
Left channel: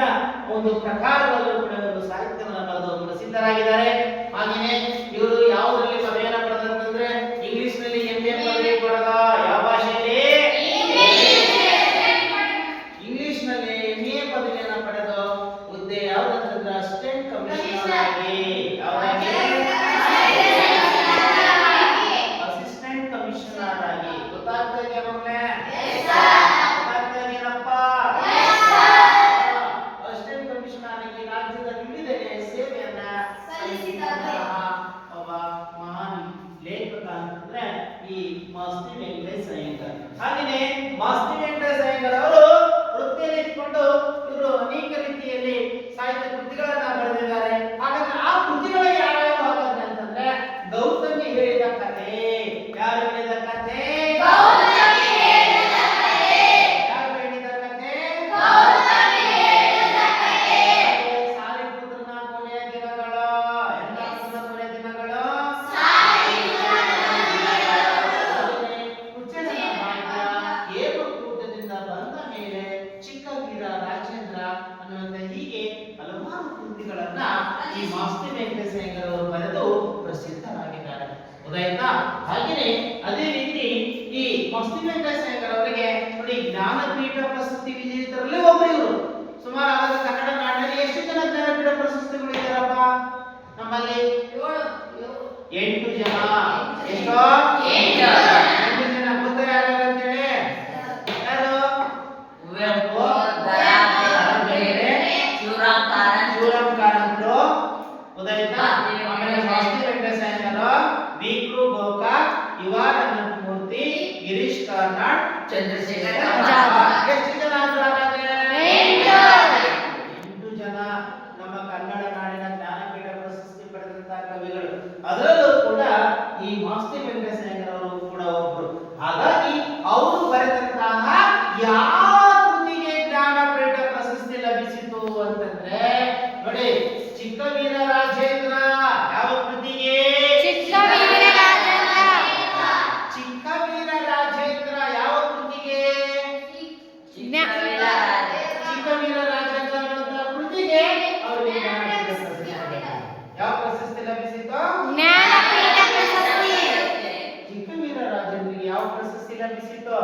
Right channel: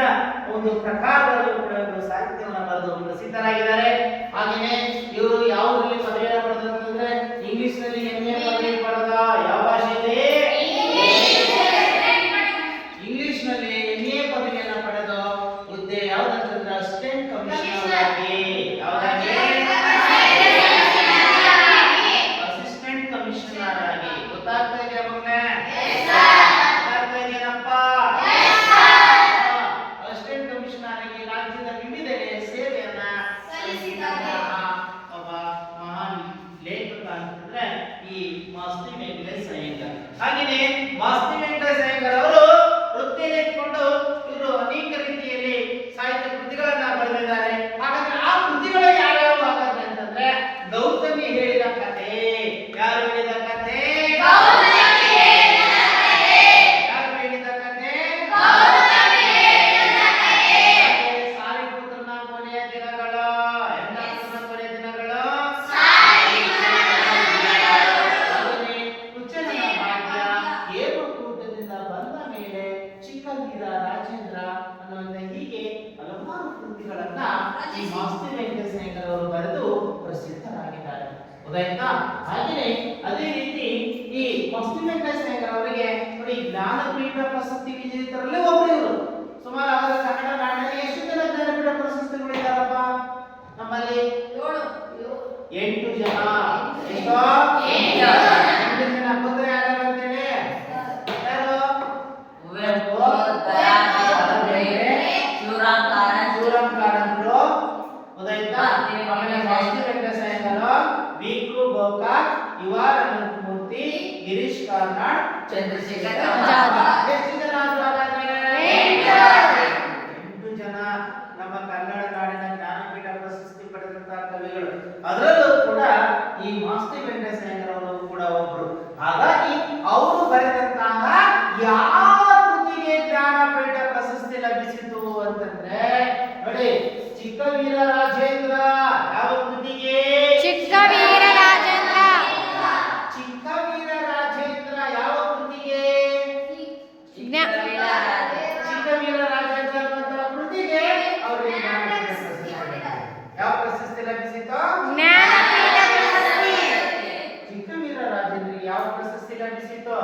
ಒಂದು ಪ್ರಕಾರಗಳಲ್ಲೂ ಕೂಡ ಇವರು ಸಾಹಿತ್ಯವನ್ನು ಬರೆದು ಪ್ರಸಿದ್ಧರಾಗಿದ್ದಾರೆ. ಹಾಗೆಯೇ ಇವರು ಯಾವುದರಲ್ಲಿ ಪದವಿಯನ್ನು ಪಡೆದಂತಂದ್ರೆ ಇಂಗ್ಲಿಷ್ ನಲ್ಲಿ MA ಪದವಿ ಪಡೆದ. ಯಾವ ಭಾಷೆಯಲ್ಲಿ? ಇಂಗ್ಲಿಷ್ ನಲ್ಲಿ MA ಪದವಿಯನ್ನು ಪಡೆದು ಹುದ್ದೆ ಯಾವುದಂತಂದ್ರೆ ಅಸಿಸ್ಟೆಂಟ್ ಕಮಿಷನರ್ ಆಗಿ. ಯಾವುದಾಗಿ? ಅಸಿಸ್ಟೆಂಟ್ ಕಮಿಷನರ್ ಆಗಿ. ಗೊತ್ತಾಗ್ತಾ ಇದೆಯಾ ಮಕ್ಕಳೇ? ಗೊತ್ತಾಗ್ತಾ ಇದೆಯೇನಪ್ಪ? ಅಸಿಸ್ಟೆಂಟ್ ಕಮಿಷನರ್ ಆಗಿ ರಾಜ್ಯದ ವಿವಿಧೆಡೆ ಸೇವೆಯನ್ನ ಸಲ್ಲಿಸಿದಂತಹ ಒಬ್ಬ ಮಹಾನ್ ಲೇಖಕ ಅಂತಂದ್ರೆ ಈ ಮಾಸ್ತಿ ವೆಂಕಟೇಶ ಅಯ್ಯಂಗಾರ್. ಹಾಗೆಯೇ ಮಾಸ್ತಿ ವೆಂಕಟೇಶ ಅಯ್ಯಂಗಾರ್ ಅವರು ವೃತ್ತಿಯನ್ನು ಇಟ್ಕೊಂಡು ಇವರು ಅನೇಕ ರೀತಿಯಲ್ಲಿ ಸಾಹಿತ್ಯ ಕೃತಿಗಳನ್ನ ಬರೆದಿದ್ದಾರೆ. ಹಾಗಾದ್ರೆ ಆ ಕೃತಿಗಳಿಗೆ ಯಾವ್ಯಾವ ಹಾಗಾದ್ರೆ ಅಂತಂದ್ರೆ ಗೌತಮಿ ಹೇಳಿದ ಕಥೆ. ಯಾರು ಹೇಳಿದ ಕಥೆ? ಯಾರು ಹೇಳಿದ ಕಥೆ? ಸಾಲಿಪುತ್ರನ ಕೊನೆಯ ದಿನಗಳು. ಎಂದಾಪುತ್ರನ ಕೊನೆಯ ದಿನಗಳು. ಕುಚೇಲನ ಭಾಗ್ಯ, ಏಕಕೂಟದಿಂದ ಬಂದ ಮೇಲೆ, ಚಿಕ್ಕ ವೀರ ರಾಜೇಂದ್ರ ಅನ್ನುವಂತ ಹೀಗೆ ಹಲವಾರು ಕೃತಿಗಳನ್ನ ಈ ಮಾಸ್ತಿ ವೆಂಕಟೇಶ ಅಯ್ಯಂಗಾರ್ ಅವರು ಬರೆದು ಪ್ರಸಿದ್ಧರಾಗಿದ್ದಾರೆ. ಗೊತ್ತಾಯ್ತಾ? ಹಾಗೆಯೇ ಅದೇ ರೀತಿ ಈ ಮಾಸ್ತಿ ವೆಂಕಟೇಶ ಅಯ್ಯಂಗಾರ್ ಅವರಿಗೆ ನೋಡಿ ಜ್ಞಾನಪೀಠ ಪ್ರಶಸ್ತಿ ವಿಜೇತರಲ್ಲಿ ಒಬ್ಬರು ಇವರು. ಸುಮಾರು ಅವರ ಕನ್ನಡ ನಾಡಿನಲ್ಲಿ ಎಷ್ಟು ಜನ ಜ್ಞಾನಪೀಠ ಪ್ರಶಸ್ತಿಗಳು ಇದ್ದಾರಪ್ಪ ನಮ್ಮಲ್ಲಿ? 8 ಜನ. ಎಷ್ಟು? 8 ಜನ. ಗೊತ್ತಾ ಯಾರು ಅಂತೇಳಿ? ಯಾರು? ಕುವೆಂಪು, ಶಿವರಾಮ್ ಕಾರಂತರು. ಗೊತ್ತಾಯ್ತಾ? ಆಮೇಲೆ ಮಾಸ್ತಿ ವೆಂಕಟೇಶ ಅಯ್ಯಂಗಾರ್, ವಿ.ಕೃ. ಗೋಕಾಕ್, ಯುವ ಅನಂತಮೂರ್ತಿ, ಗಿರೀಶ್ ಕಾರ್ನಾಡ್, ಚಂದ್ರಶೇಖರ್ ಆಜಾದ್. ಎಷ್ಟು ಜನ ಆದ್ರು ಹಾಗಾದ್ರೆ? 8 ಜನ ನಮ್ಮ ಕನ್ನಡ ನಾಡಿನ ಜ್ಞಾನಪೀಠ ಪ್ರಶಸ್ತಿ ಪಡೆದಂತಹ ಕವಿಗಳು. ಅದರಲ್ಲೂ ಕೂಡ ಈ ಮಾಸ್ತಿ ವೆಂಕಟೇಶ ಅಯ್ಯಂಗಾರ್ ಅವರು ಕೂಡ ಒಬ್ರು. ಹಾಗಾಗಿ ಅವರು ಬರೆದಂತಹ ಯಾವ ಕೃತಿಗೆ ಜ್ಞಾನಪೀಠ ಪ್ರಶಸ್ತಿ ಲಭಿಸಿತು ಅಂತಂದ್ರೆ ನೋಡಿ ಚಿಕ್ಕ ವೀರ ರಾಜೇಂದ್ರ. ಯಾವ ಕೃತಿಗೆ? ಚಿಕ್ಕ ವೀರ ರಾಜೇಂದ್ರ. ಚಿಕ್ಕ ವೀರ ರಾಜೇಂದ್ರ ಯಾವ ಕೃತಿಗೆ? ಚಿಕ್ಕ ವೀರ ರಾಜೇಂದ್ರ ಅನ್ನುವಂತಹ ಕೃತಿಗೆ ಅವರಿಗೆ ಜ್ಞಾನಪೀಠ ಪ್ರಶಸ್ತಿ ಲಭಿಸಿತು. ಯಾವ ಪ್ರಶಸ್ತಿ ಲಭಿಸಿತು? ಜ್ಞಾನಪೀಠ ಪ್ರಶಸ್ತಿ. ಚಿಕ್ಕ ವೀರ ರಾಜೇಂದ್ರಿಗೆ ಯಾವ ಪ್ರಶಸ್ತಿ ಲಭಿಸಿತು?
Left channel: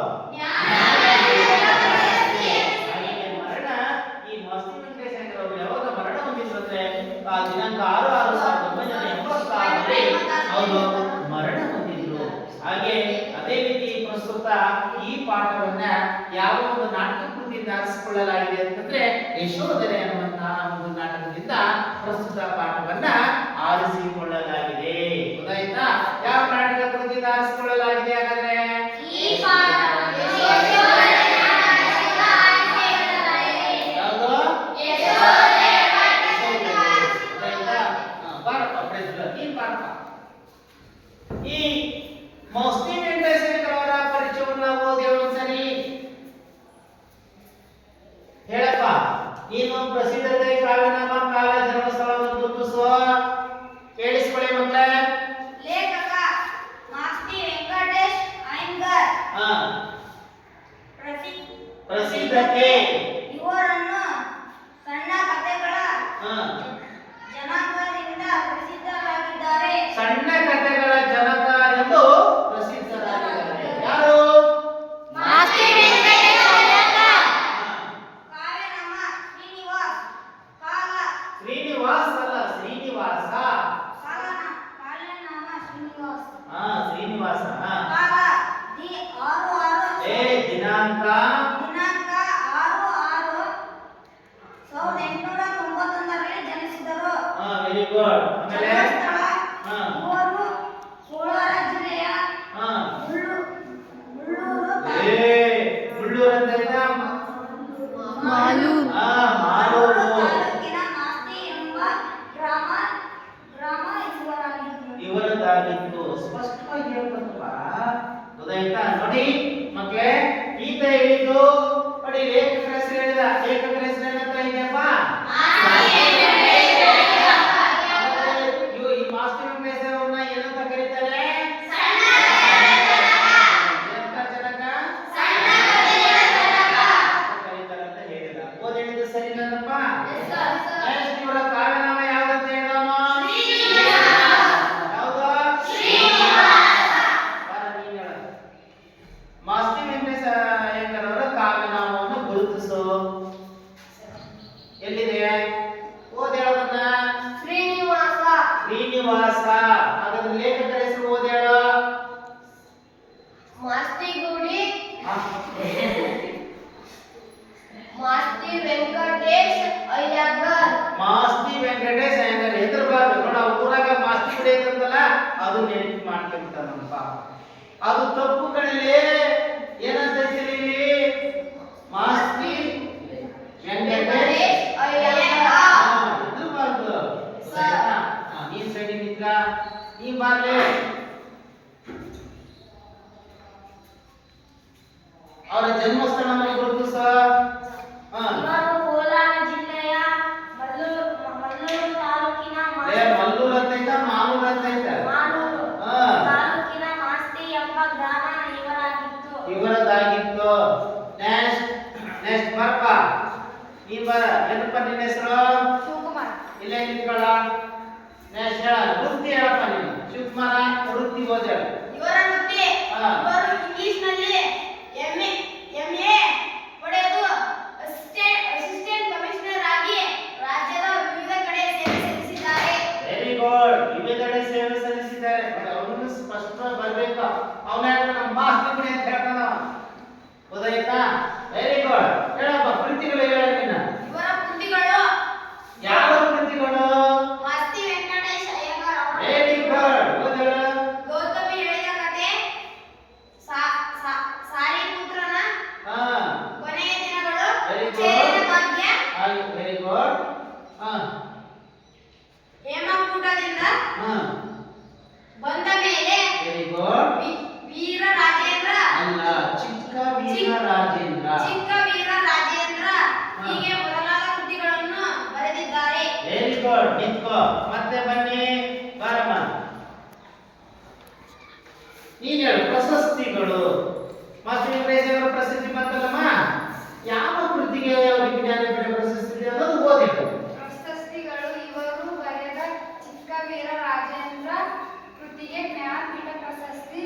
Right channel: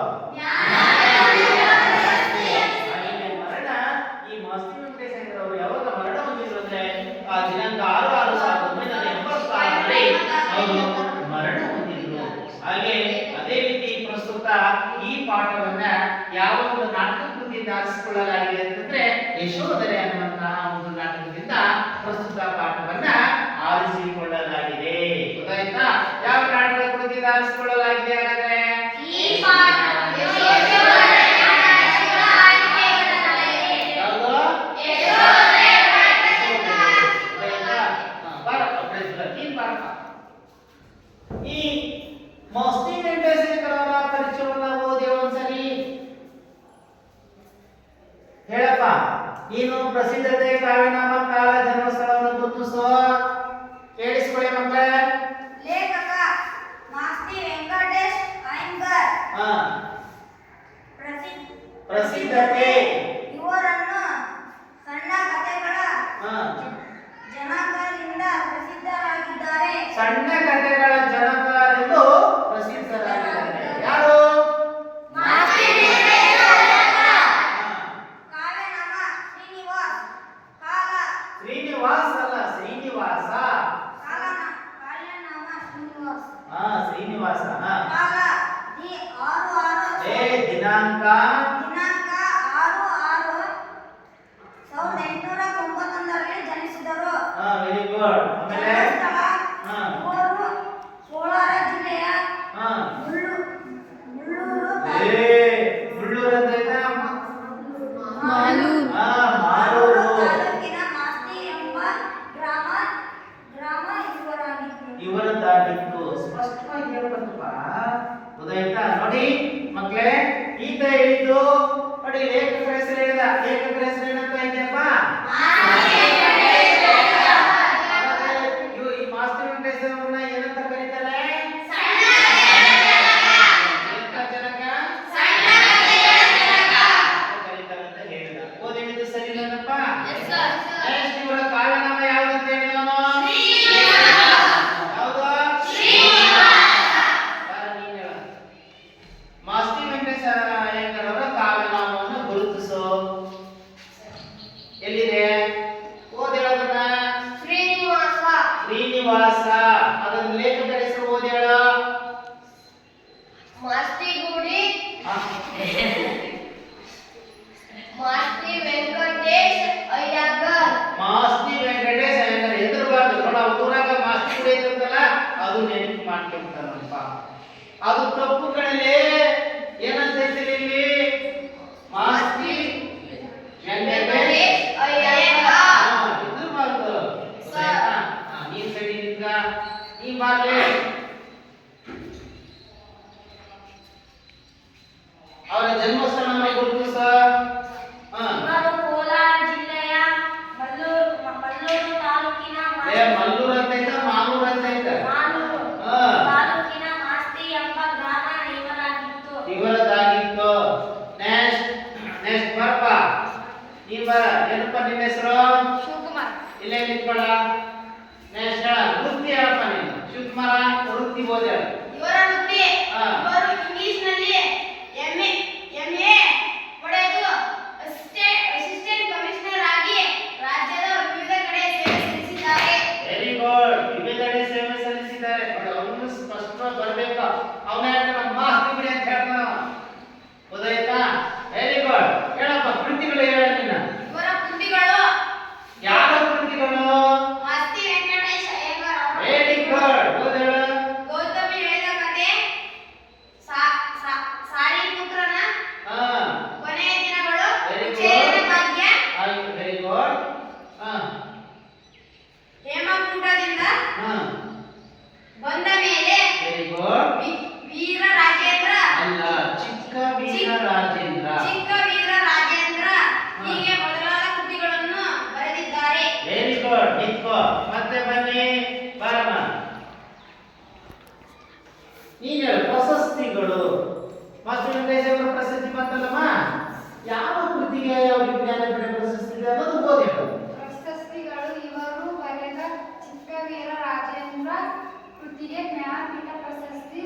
ಹಾಗೆಯೇ ಮರಣ ಈ ಮಾಸ್ತಿ ವೆಂಕಟೇಶ ಅಯ್ಯಂಗಾರ್ ಅವರು ಯಾವಾಗ ಮರಣ ಹೊಂದಿದ್ರು ಅಂದ್ರೆ ದಿನಾಂಕ 6/6/1986ರಲ್ಲಿ ಅವರು ಮರಣ ಹೊಂದಿದ್ರು. ಹಾಗೆ ಅದೇ ರೀತಿ ಪ್ರಸ್ತುತ ಈ ಪಾಠವನ್ನ ಯಾವ ಒಂದು ನಾಟಕ ಕೃತಿಯಿಂದ ಆರಿಸಿಕೊಳ್ಳಲಾಗಿದೆ ಅಂತಂದ್ರೆ ಯಶೋಧರೆ ಅನ್ನುವಂತಹ ಒಂದು ನಾಟಕದಿಂದ ಪ್ರಸ್ತುತ ಪಾಠವನ್ನ ಆರಿಸಿಕೊಳ್ಳಲಾಗಿದೆ. ಗೊತ್ತಾಯ್ತಾ? ಯಾವ ನಾಟಕ ಕೃತಿಯಿಂದ ಆರಿಸಿಕೊಳ್ಳಲಾಗಿದೆ ಹಾಗಾದ್ರೆ? ಈ ಮಾಸ್ತಿ ವೆಂಕಟೇಶ ಅಯ್ಯಂಗಾರ್ ಅವರ ಪರಿಚಯವನ್ನ ಓದಿ ಒಂದ್ಸರಿ ಹೇಳಪ್ಪ. ನೀನು ಪ್ರಸಿದ್ಧತೆ, ಕಾವ್ಯನಾಮ, ಕಾಲ, ಜನ್ಮಸ್ಥಳವನ್ನು ಗುರುತಿಸುವ. ಕೇಳಿಸ್ಕೊಳ್ಳಿ ಮಕ್ಕಳೇ. ಲೇಖಕ ಮಾಸ್ತಿ ವೆಂಕಟೇಶ ಅಯ್ಯಂಗಾರ್. ಪ್ರಸಿದ್ಧತೆ ಇವರನ್ನು ಸಣ್ಣ ಕಥೆಗಳ ಜನಕರಿಂದ ಪ್ರಸಿದ್ಧರಾಗಿದ್ದಾರೆ. ಸಣ್ಣ ಕಥೆಗಳ ಜನಕರೆಂದು ಪ್ರಸಿದ್ಧರಾಗಿದ್ದಾರೆ. ಯಾರು? ಮಾಸ್ತಿ ವೆಂಕಟೇಶ ಅಯ್ಯಂಗಾರ್. ಕಾವ್ಯನಾಮ ಶ್ರೀನಿವಾಸ್. ಕಾಲ ಶ್ರೀನಿವಾಸ್ ಅಲ್ಲ, ಶ್ರೀನಿವಾಸ. ಕಾವ್ಯನಾಮ ಶ್ರೀನಿವಾಸ್. ಶ್ರೀನಿವಾಸ. ಕಾಲ 6/6. ದಿನಾಂಕ 6/6/1986. ಅದು ತಪ್ಪು ಕಣಲೆ. ಏನಂತ ಹೇಳ್ತೀರಿ ಇಲ್ಲಿ? ಮಾಸ್ತಿ ವೆಂಕಟೇಶ್ ಅಯ್ಯಂಗಾರ್. ಇದು ಬಾರ್ದು. ಗೊತ್ತಾಯ್ತಾ? ನೀನ್ ಸೈಡಿ ನಿಂತ ನೀ ಬಾರ್ಲೆ. ಅವರ ಜನ್ಮಸ್ಥಳವನ್ನು ಗುರುತಿಸ. ಇವರು ಕೋಲಾರ ಜಿಲ್ಲೆಯ ಮಲ್ಲೂರು ತಾಲೂಕಿನ ಮಲ್ಲೂರು ಅಂತ ಐತ, ಮಾಲೂರು ಅಂತ ಐತ. ಮಾಲೂರು ಹಾ. ತಾಲೂಕಿನ ಮಾಸ್ತಿ ಎಂಬ ಗ್ರಾಮ ಇವರಾಗಿತ್ತು. ಇವರದಾಗಿತ್ತು. ನೆಕ್ಸ್ಟ್ ಬರ್ಪ. ನೀ ಬರ. ಏನಪ್ಪ ನಿಮ್ಮ ಹೆಸರು? ಶಿವಕುಮಾರ್. ಇಲ್ಲೇ ನಿಂತ್ಕೊಳ್ಳ. ನೆಕ್ಸ್ಟ್ ಹೇಳ. ವೃತ್ತಿ ಹೇಳಪ್ಪ ನೀನು. ಶಿವಕುಮಾರ ವೃತ್ತಿ ಓದ. ಇವರ ವೃತ್ತಿ ಹಾ. ಇವರು ಇಂಗ್ಲಿಷ್ನಲ್ಲಿ ಎಂಎ ಪಡೆದು ಅಸಿಸ್ಟೆಂಟ್ ಕಮಿಷನರ್ ಆಗಿ ರಾಜ್ಯದ ವಿವಿಧ ಕಡೆ ಸೇವೆ ಸಲ್ಲಿಸಿದ್ದಾರೆ. Very good. ವಿವಿಧೆಡೆ ಸೇವೆ ಸಲ್ಲಿಸಿದ್ದಾರೆ. ನೋಡಿ ಅವನು ಸ್ಪಷ್ಟವಾಗಿ ಬರಬೇಕು. ಅವನ ನಮ್ಮ ಮಾಸ್ತಿ ಬಿಡಿ ಅಂತ ಹೇಳ್ತಾನ. ಗೊತ್ತಾಯ್ತಾ? Very good. ಹೇಳಪ್ಪ ಕೃತಿಗಳು ಹೇಳ ನೀನು. ಇವರ ಕೃತಿಗಳು ಯಾವ ಕೃತಿಗಳು? ಮಾಸ್ತಿ ವೆಂಕಟೇಶ್ ಅಯ್ಯಂಗಾರ್ ಅವರ ವೆರಿ ಗುಡ್. ಓದ ಹೇಳು. ಗೌತಮಿ ಹೇಳಿದ ಕಥೆ, ಸಾಲಿಪುತ್ರನ ಹಾ. ಕೊನೆಯ ದಿನಗಳು, Very good. ಚೇರಿನ ಭಾಗ್ಯ, ವೆರಿ ಗುಡ್. ಹಾ. ಹೇಮಕೂಟದಿಂದ ಹಾ. ಬಂದ ಮೇಲೆ, ವೆರಿ ಗುಡ್. ವೀರ ರಾಜೇಂದ್ರ, ಅಲ್ಲ, ಚಿಕ್ಕ ವೀರ ರಾಜೇಂದ್ರ. ಚಿಕ್ಕ ವೀರ ರಾಜೇಂದ್ರ ಹೀಗೆ ಮೊದಲಾದ ಕೃತಿಗಳನ್ನು ಬರೆದಿದ್ದಾರೆ. Very good. ನಿಂತ್ಕೋ. ಮತ್ತೆ ಬನ್ನಿ. ಬಾರಮ್ಮ. ನೀನ್ ಹೇಳು. ಪ್ರಶಸ್ತಿಗಳು. ಮಾಸ್ತಿ ವೆಂಕಟೇಶ್ವರ ಪ್ರಶಸ್ತಿ ಬಂತಲ್ಲಮ್ಮ. ಯಾವ ಕೃತಿಗೆ ಅವರಿಗೆ ಜ್ಞಾನಪೀಠ ಪ್ರಶಸ್ತಿ ಇದೆ ಅನ್ನೋದು ಓದಿ ಹೇಳು. ಪ್ರಶಸ್ತಿಗಳು ಇವರು ಬರೆದ ಚಿಕ್ಕವೀರ ರಾಜೇಂದ್ರ ಕೃತಿಗೆ ಜ್ಞಾನಪೀಠ ಪ್ರಶಸ್ತಿ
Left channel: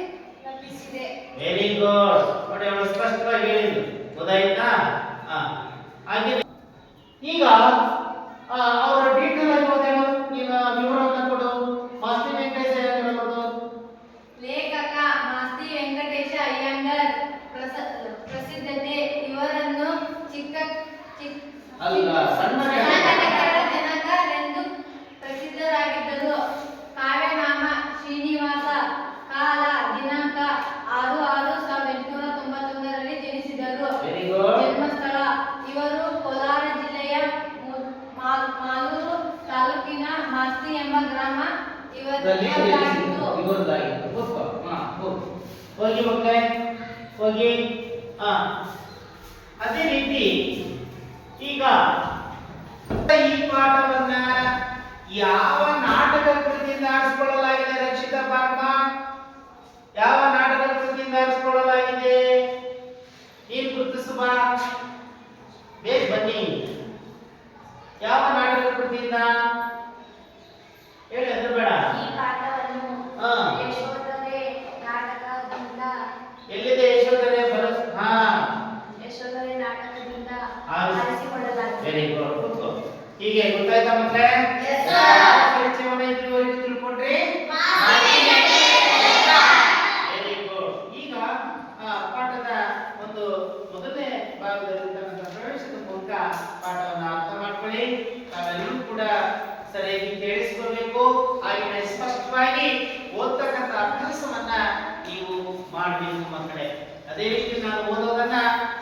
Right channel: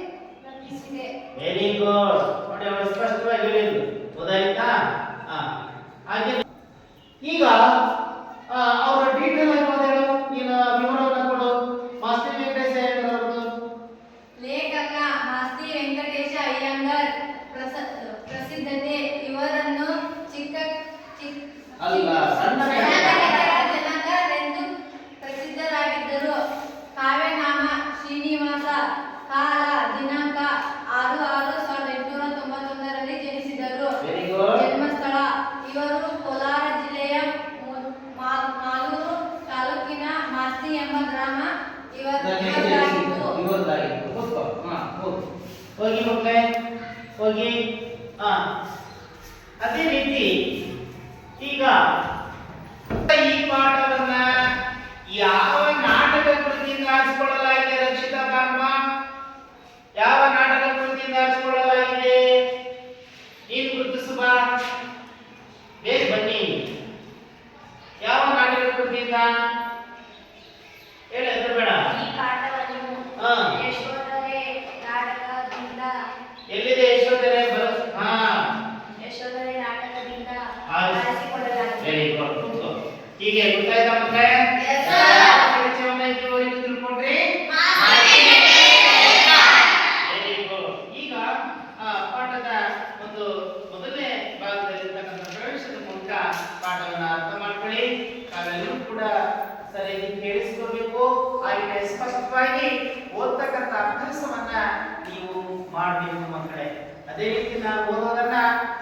ಲಭಿಸಿದೆ. Very good. ನೋಡಿ ಅವಳು ಸ್ಪಷ್ಟವಾಗಿ ಹೇಳಿದ್ರು. ಗೊತ್ತಾಯ್ತಾ? ಹಾಗೆ ಈಗ ಅವರ ಡೀಟೇಲ್ ಆಗಿ ಓದೇಳು. ನೀನು ವಿವರವನ್ನು ಕೊಡು. ಮಾಸ್ತಿ ವೆಂಕಟೇಶ ಅವರದು. ಲೇಖಕ ಮಾಸ್ತಿ ವೆಂಕಟೇಶ ಅಯ್ಯಂಗಾರ್ ಪ್ರಸಿದ್ಧತೆ ಇವರನ್ನು ಅಲ್ಲ, ಸಣ್ಣ ಜನಕರೆಂದು ಪ್ರಸಿದ್ಧರಾಗಿದ್ದರು. ಕಾವ್ಯನಾಮ ಶ್ರೀನಿವಾಸ. ಕಾಲ ದಿನಾಂಕ 6/6/1891 ಜನಿಸಿದರು. Very good. ಜನ್ಮಸ್ಥಳ ಇವರು ಕೋಲಾರ ಜಿಲ್ಲೆಯ ಮಾಲೂರು ತಾಲೂಕಿನ ಮಾಸ್ತಿ ಎಂಬ ಗ್ರಾಮ ಇವರದಾಗಿತ್ತು. ಇವರದಾಗಿತ್ತು. ಕೂತ್ಕೋ. ಹೋಗು. ಹೋಗಿ ಮಕ್ಕಳೇ, ಹೋಗಿ. ಅದೇ ರೀತಿ ಈಗ ಈ ಪಾಠವನ್ನ ಯಾವ ನಾಟಕ ಕೃತಿಯಿಂದ ಆರಿಸಿಕೊಳ್ಳಲಾಗಿದೆ? ರಕ್ಷಿತಾ ಬಾರ್ಮ. ಯಾವ ನಾಟಕ ಕೃತಿಯಿಂದ ಆರಿಸಿಕೊಳ್ಳಲಾಗಿದೆ? ನೀನು ಗುರುತಿಸು ಬಾ. ಬೇಗ ಬನ್ನಿ. ಯಾವ ನಾಟಕ ಕೃತಿಯಿಂದ ಹೇಳಿ. ಅದು ಬೇಡ. ಈ ಪಾಠವನ್ನು ಹಾ. ಯಶೋಧರೆ ನಾಟಕದಿಂದ ಎಲ್ಲಿದೆ ಯಶೋಧರೆ? ಯಶೋಧರೆ ನಾಟಕದಿಂದ ಆರಿಸಿ- ಆರಿಸಿಕೊಳ್ಳಲಾಗಿದೆ. Very good. ಕೂತ್ಕೋ. ಹೀಗೆ ಗೊತ್ತಾಯ್ತಾ ಮಕ್ಕಳೇ? Yes, sir. ಯಾವ ಪರಿಚಯವನ್ನ ಇದುವರೆಗೂ ತಿಳ್ಕೊಂಡ್ರಿ? Very good. ಈಗ ಪಾಠದ ಒಂದು ಮೊದಲನೇ ಭಾಗದಲ್ಲಿರ್ತಕ್ಕಂಥ ಪ್ರವೇಶದ ಮೂಲಕ ಪಾಠವನ್ನು ಅರ್ಥ ಮಾಡ್ಕೊಳ್ಳಿ. ತಾವೆಲ್ಲರೂ ಕೂಡ ಸರಿಯಾಗಿ ಕೇಳಿಸ್ಕೋಬೇಕು. ಹಾಗೆ ಸ್ಪಷ್ಟವಾಗಿ ಓದ್ತಕ್ಕಂಥ ಅಭ್ಯಾಸವನ್ನ ನೀವು ಮಾಡಬೇಕು ಮಕ್ಕಳೇ. ಅದೇ ರೀತಿ ನಾವು ಓದೋದನ್ನ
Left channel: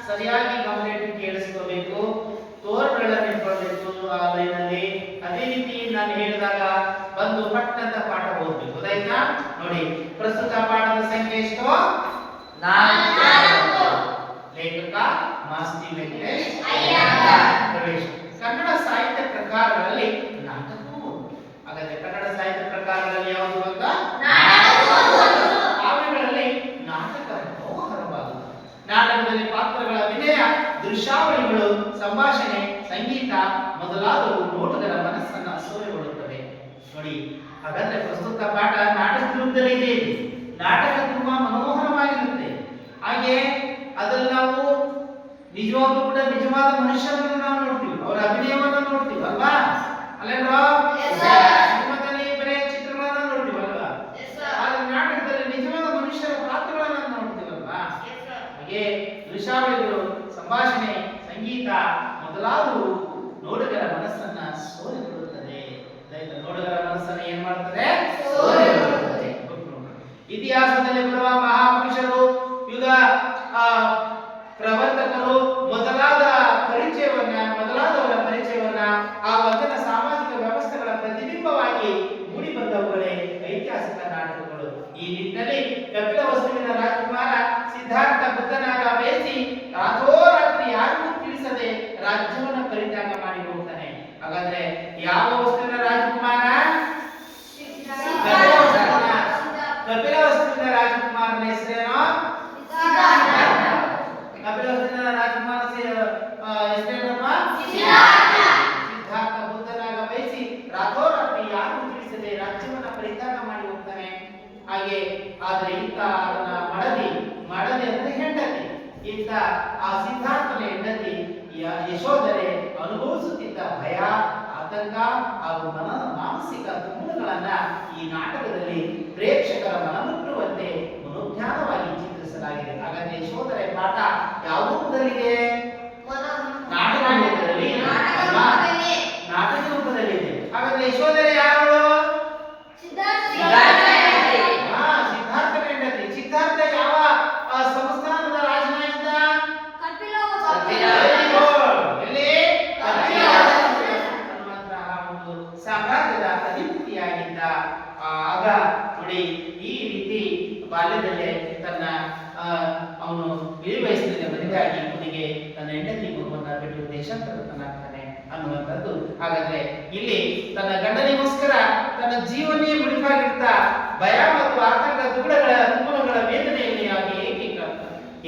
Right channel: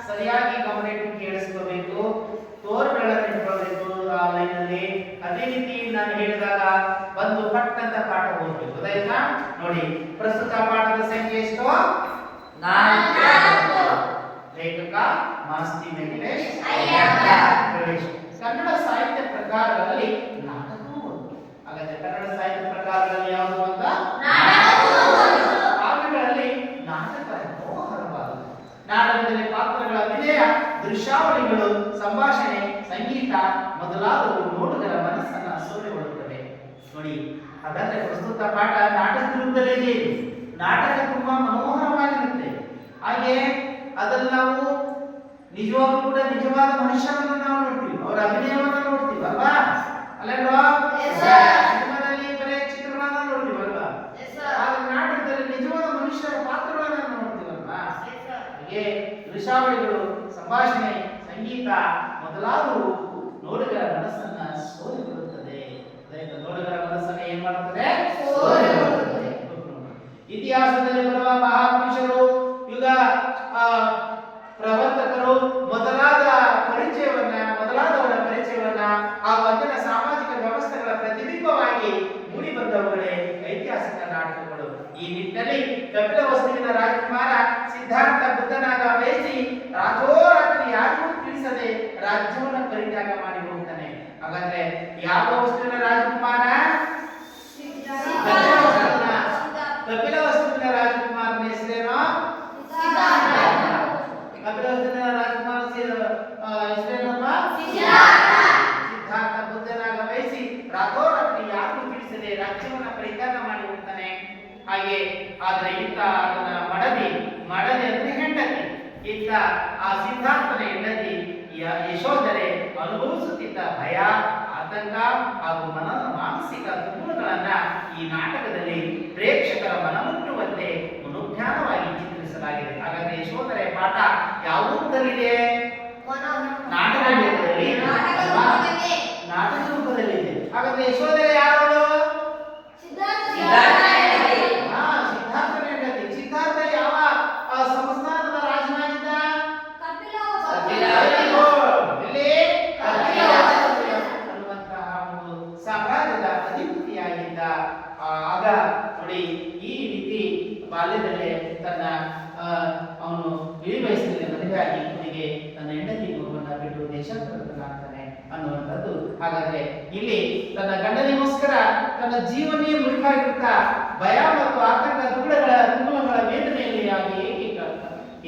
ಸರಿಯಾಗಿ ಗಮನಿಟ್ಟು ಕೇಳಿಸ್ಕೋಬೇಕು. ತೋರ್ಗಳನ್ನು ಇಟ್ಕೊಳ್ಬೇಕು ಆ ಲೈನಲ್ಲಿ. ಅದೇ ರೀತಿ ನಾನು ಹೇಳಿದಾಗ ಬಂದು ಪಟ್ ಅಂತ ಪಾಠ ಓದ್ಬೇಕು. ಗೊತ್ತಾಯ್ತಾ? ನೋಡಿ, ಪ್ರಸ್ತುತ ಪಾಠದ ಸಂಖ್ಯೆ ಎಷ್ಟು? 4. ಲೇಖಕ ಮಾಸ್ತಿ ವೆಂಕಟೇಶ್ ಅಯ್ಯಂಗಾರ್. ಪ್ರವೇಶ. ಕನ್ನಡ ಸಾಹಿತ್ಯ ಪ್ರಕಾರಗಳಲ್ಲಿ ನಾಟಕವು ಒಂದು. ಹಾಗಾದ್ರೆ ಕನ್ನಡ ಸಾಹಿತ್ಯ ಪ್ರಕಾರಗಳಲ್ಲಿ ಯಾವುದು ಅಂತ? ಕಾವ್ಯಗಳಲ್ಲಿ ನಾಟಕ ಮನೋಹರವಾದದ್ದು. ನಾಟಕದಲ್ಲಿ ಪಾತ್ರಗಳ ಅಭಿನಯ, ದೃಶ್ಯಾವಳಿಗಳು, ಸಂಭಾಷಣೆ, ಸಂಗೀತ ಮೊದಲಾದವು ನೋಟುಗರ ಮನಸ್ಸನ್ನ ಸೂರೆಗೊಳ್ಳುತ್ತವೆ. ನೋಡಿ, ಹಾಗಾದ್ರೆ ಪ್ರಸ್ತುತ ಪಾಠ ನಾಟಕ ರೂಪದಲ್ಲಿ ಇದೆ. ನಾಟಕ ತುಂಬಾ ಮನೋಹರವಾಗಿರುತ್ತೆ. ಹಾಗೆ ಅದರಲ್ಲಿ ನಾವು ನಿಜವಾಗ್ಲೂ ಕೂಡ ನಿಜವಾದ ಮನುಷ್ಯರನ್ನು ನಾವು ನೋಡ್ತೀವಿ. ಅವರ ಅಭಿನಯವನ್ನ ನೋಡ್ತೀವಿ ಅಲ್ವಾ? ಅಲ್ಲೇನ್ವಾ? Yes, sir. ಸಿನಿಮಾದಲ್ಲಿ ಬರೀ ಚಿತ್ರಗಳನ್ನ ನೋಡ್ತೀವಿ ಅಲ್ವಾ? Yes, sir. ಆದ್ರೆ ನಾಟಕದಲ್ಲಿ ನಿಜವಾದ ಮನುಷ್ಯರ ಪಾತ್ರಗಳನ್ನ ನೋಡ್ತೀವಲ್ವಾ? ಹಾಗೆ ದೃಶ್ಯಾವಳಿಗಳು, ಸಂಭಾಷಣೆ, ಸಂಗೀತ ಮೊದಲಾದವು ನೋಡುಗರ ಮನಸ್ಸನ್ನ ಸೋಲಿಕೊಳ್ಳುತ್ತದೆ. ನೋಡುಗರ ಮನಸ್ಸನ್ನ ಏನ್ ಮಾಡುತ್ತದೆ? ಸೋಲಿಕೊಳ್ಳುತ್ತದೆ. ಇತಿಹಾಸದಲ್ಲಿ ಬರುವ ಮಹಾಕವಿ ಸಿದ್ಧಾರ್ಥ ಬುದ್ಧನಾಗ ಬೇಯಿಸಿ ರಾತ್ರೋರಾತ್ರಿ ಯಾರಿಗೂ ತಿಳಿಸದೆ ರಾಜ್ಯವನ್ನು ಪರಿತ್ಯಾಗ ಮಾಡಿ ಹೋಗ್ತಾನೆ. ಹಾಗಾದ್ರೆ ಯಾವ ವಸ್ತುವಿನ ರಾಜಕುಮಾರ? ಕಪಿಲ ವಸ್ತುವಿನ ರಾಜಕುಮಾರನ ಹೆಸರೇನೋ? ಕಪಿಲ ವಸ್ತುವಿನ ರಾಜಕುಮಾರ ಹೆಸರೇನಪ್ಪ? ಸಿದ್ಧಾರ್ಥ ಬುದ್ಧನಾಗ ವಹಿಸಿ ರಾತ್ರೋರಾತ್ರಿ ಯಾರಿಗೂ ತಿಳಿಸದೆ ರಾಜ್ಯವನ್ನ ಪರಿತ್ಯಾಗ ಮಾಡಿ ಹೋಗ್ತಾನೆ. ಹಾಗೆ ಆದ್ರೆ ಇಂತ ಅದನ್ನ ಮಡದಿ ಅಂದ್ರೆ ಹೆಂಡತಿ, ಇಂತ ಆ ಸಿದ್ಧಾರ್ಥನ ಹೆಂಡತಿ ಯಶೋಧರೆ ಅನುಭವಿಸುತ್ತಿದ್ದ ಭಯ, ಆತಂಕ ಹಾಗೂ ಮಾನಸಿಕ ತುಮುಲಗಳನ್ನ ಈ ನಾಟಕದಲ್ಲಿ ಪ್ರೇಕ್ಷಕರ ಮನಮುಟ್ಟುವಂತೆ ಮನೋಜ್ಞಾನವಾಗಿ ಚಿತ್ರಿಸಲಾಗಿದೆ. ಹಾಗಾದ್ರೆ ಯಶೋಧರೆ ಪಾಠ ಯಾವ ರೂಪದಲ್ಲಿದೆ? ನಾಟಕ ರೂಪದಲ್ಲಿ, ನಾಟಕ ರೂಪದಲ್ಲಿದೆ. ಹಾಗಾದ್ರೆ ಯಶೋಧರೆ ಯಾರು? ಸಿದ್ಧಾರ್ಥನ ಹೆಂಡತಿ. ಸಿದ್ಧಾರ್ಥ ಯಾವ ಸಂಸ್ಥಾನದ ರಾಜನಾಗಿದ್ದ? ಸಾಮ್ರಾಜ್ಯದ ಅಧಿಪತಿಯಾಗಿದ್ದ. ಆಗ ನೋಡಿ, ಈ ರೀತಿ ಬಾಲ್ಯದಲ್ಲೇ ತನ್ನ ಅವನು ಇಳಿ ವಯಸ್ಸಿನಲ್ಲಿ ಮದುವೆಯಾಗಿ ಕೊನೆಗೆ ತನ್ನ ಹೆಂಡತಿ ಮಗುವನ್ನ ಬಿಟ್ಟು ದೇಶಾಂತರನಾಗ್ತಾನೆ ಅನ್ನುವಂಥದ್ದು. ಹಾಗಾದ್ರೆ ಇಲ್ಲಿ ತನ್ನ ಗಂಡನಿಗೋಸ್ಕರ ತನ್ನ ಜೀವನೇ ಮುಡಿಪಾಗಿರ್ತಾ ಭಯ ಮತ್ತು ಆತಂಕ ತುಮುಲಗಳ ವೇದನೆಯಲ್ಲಿ ಆಗಿ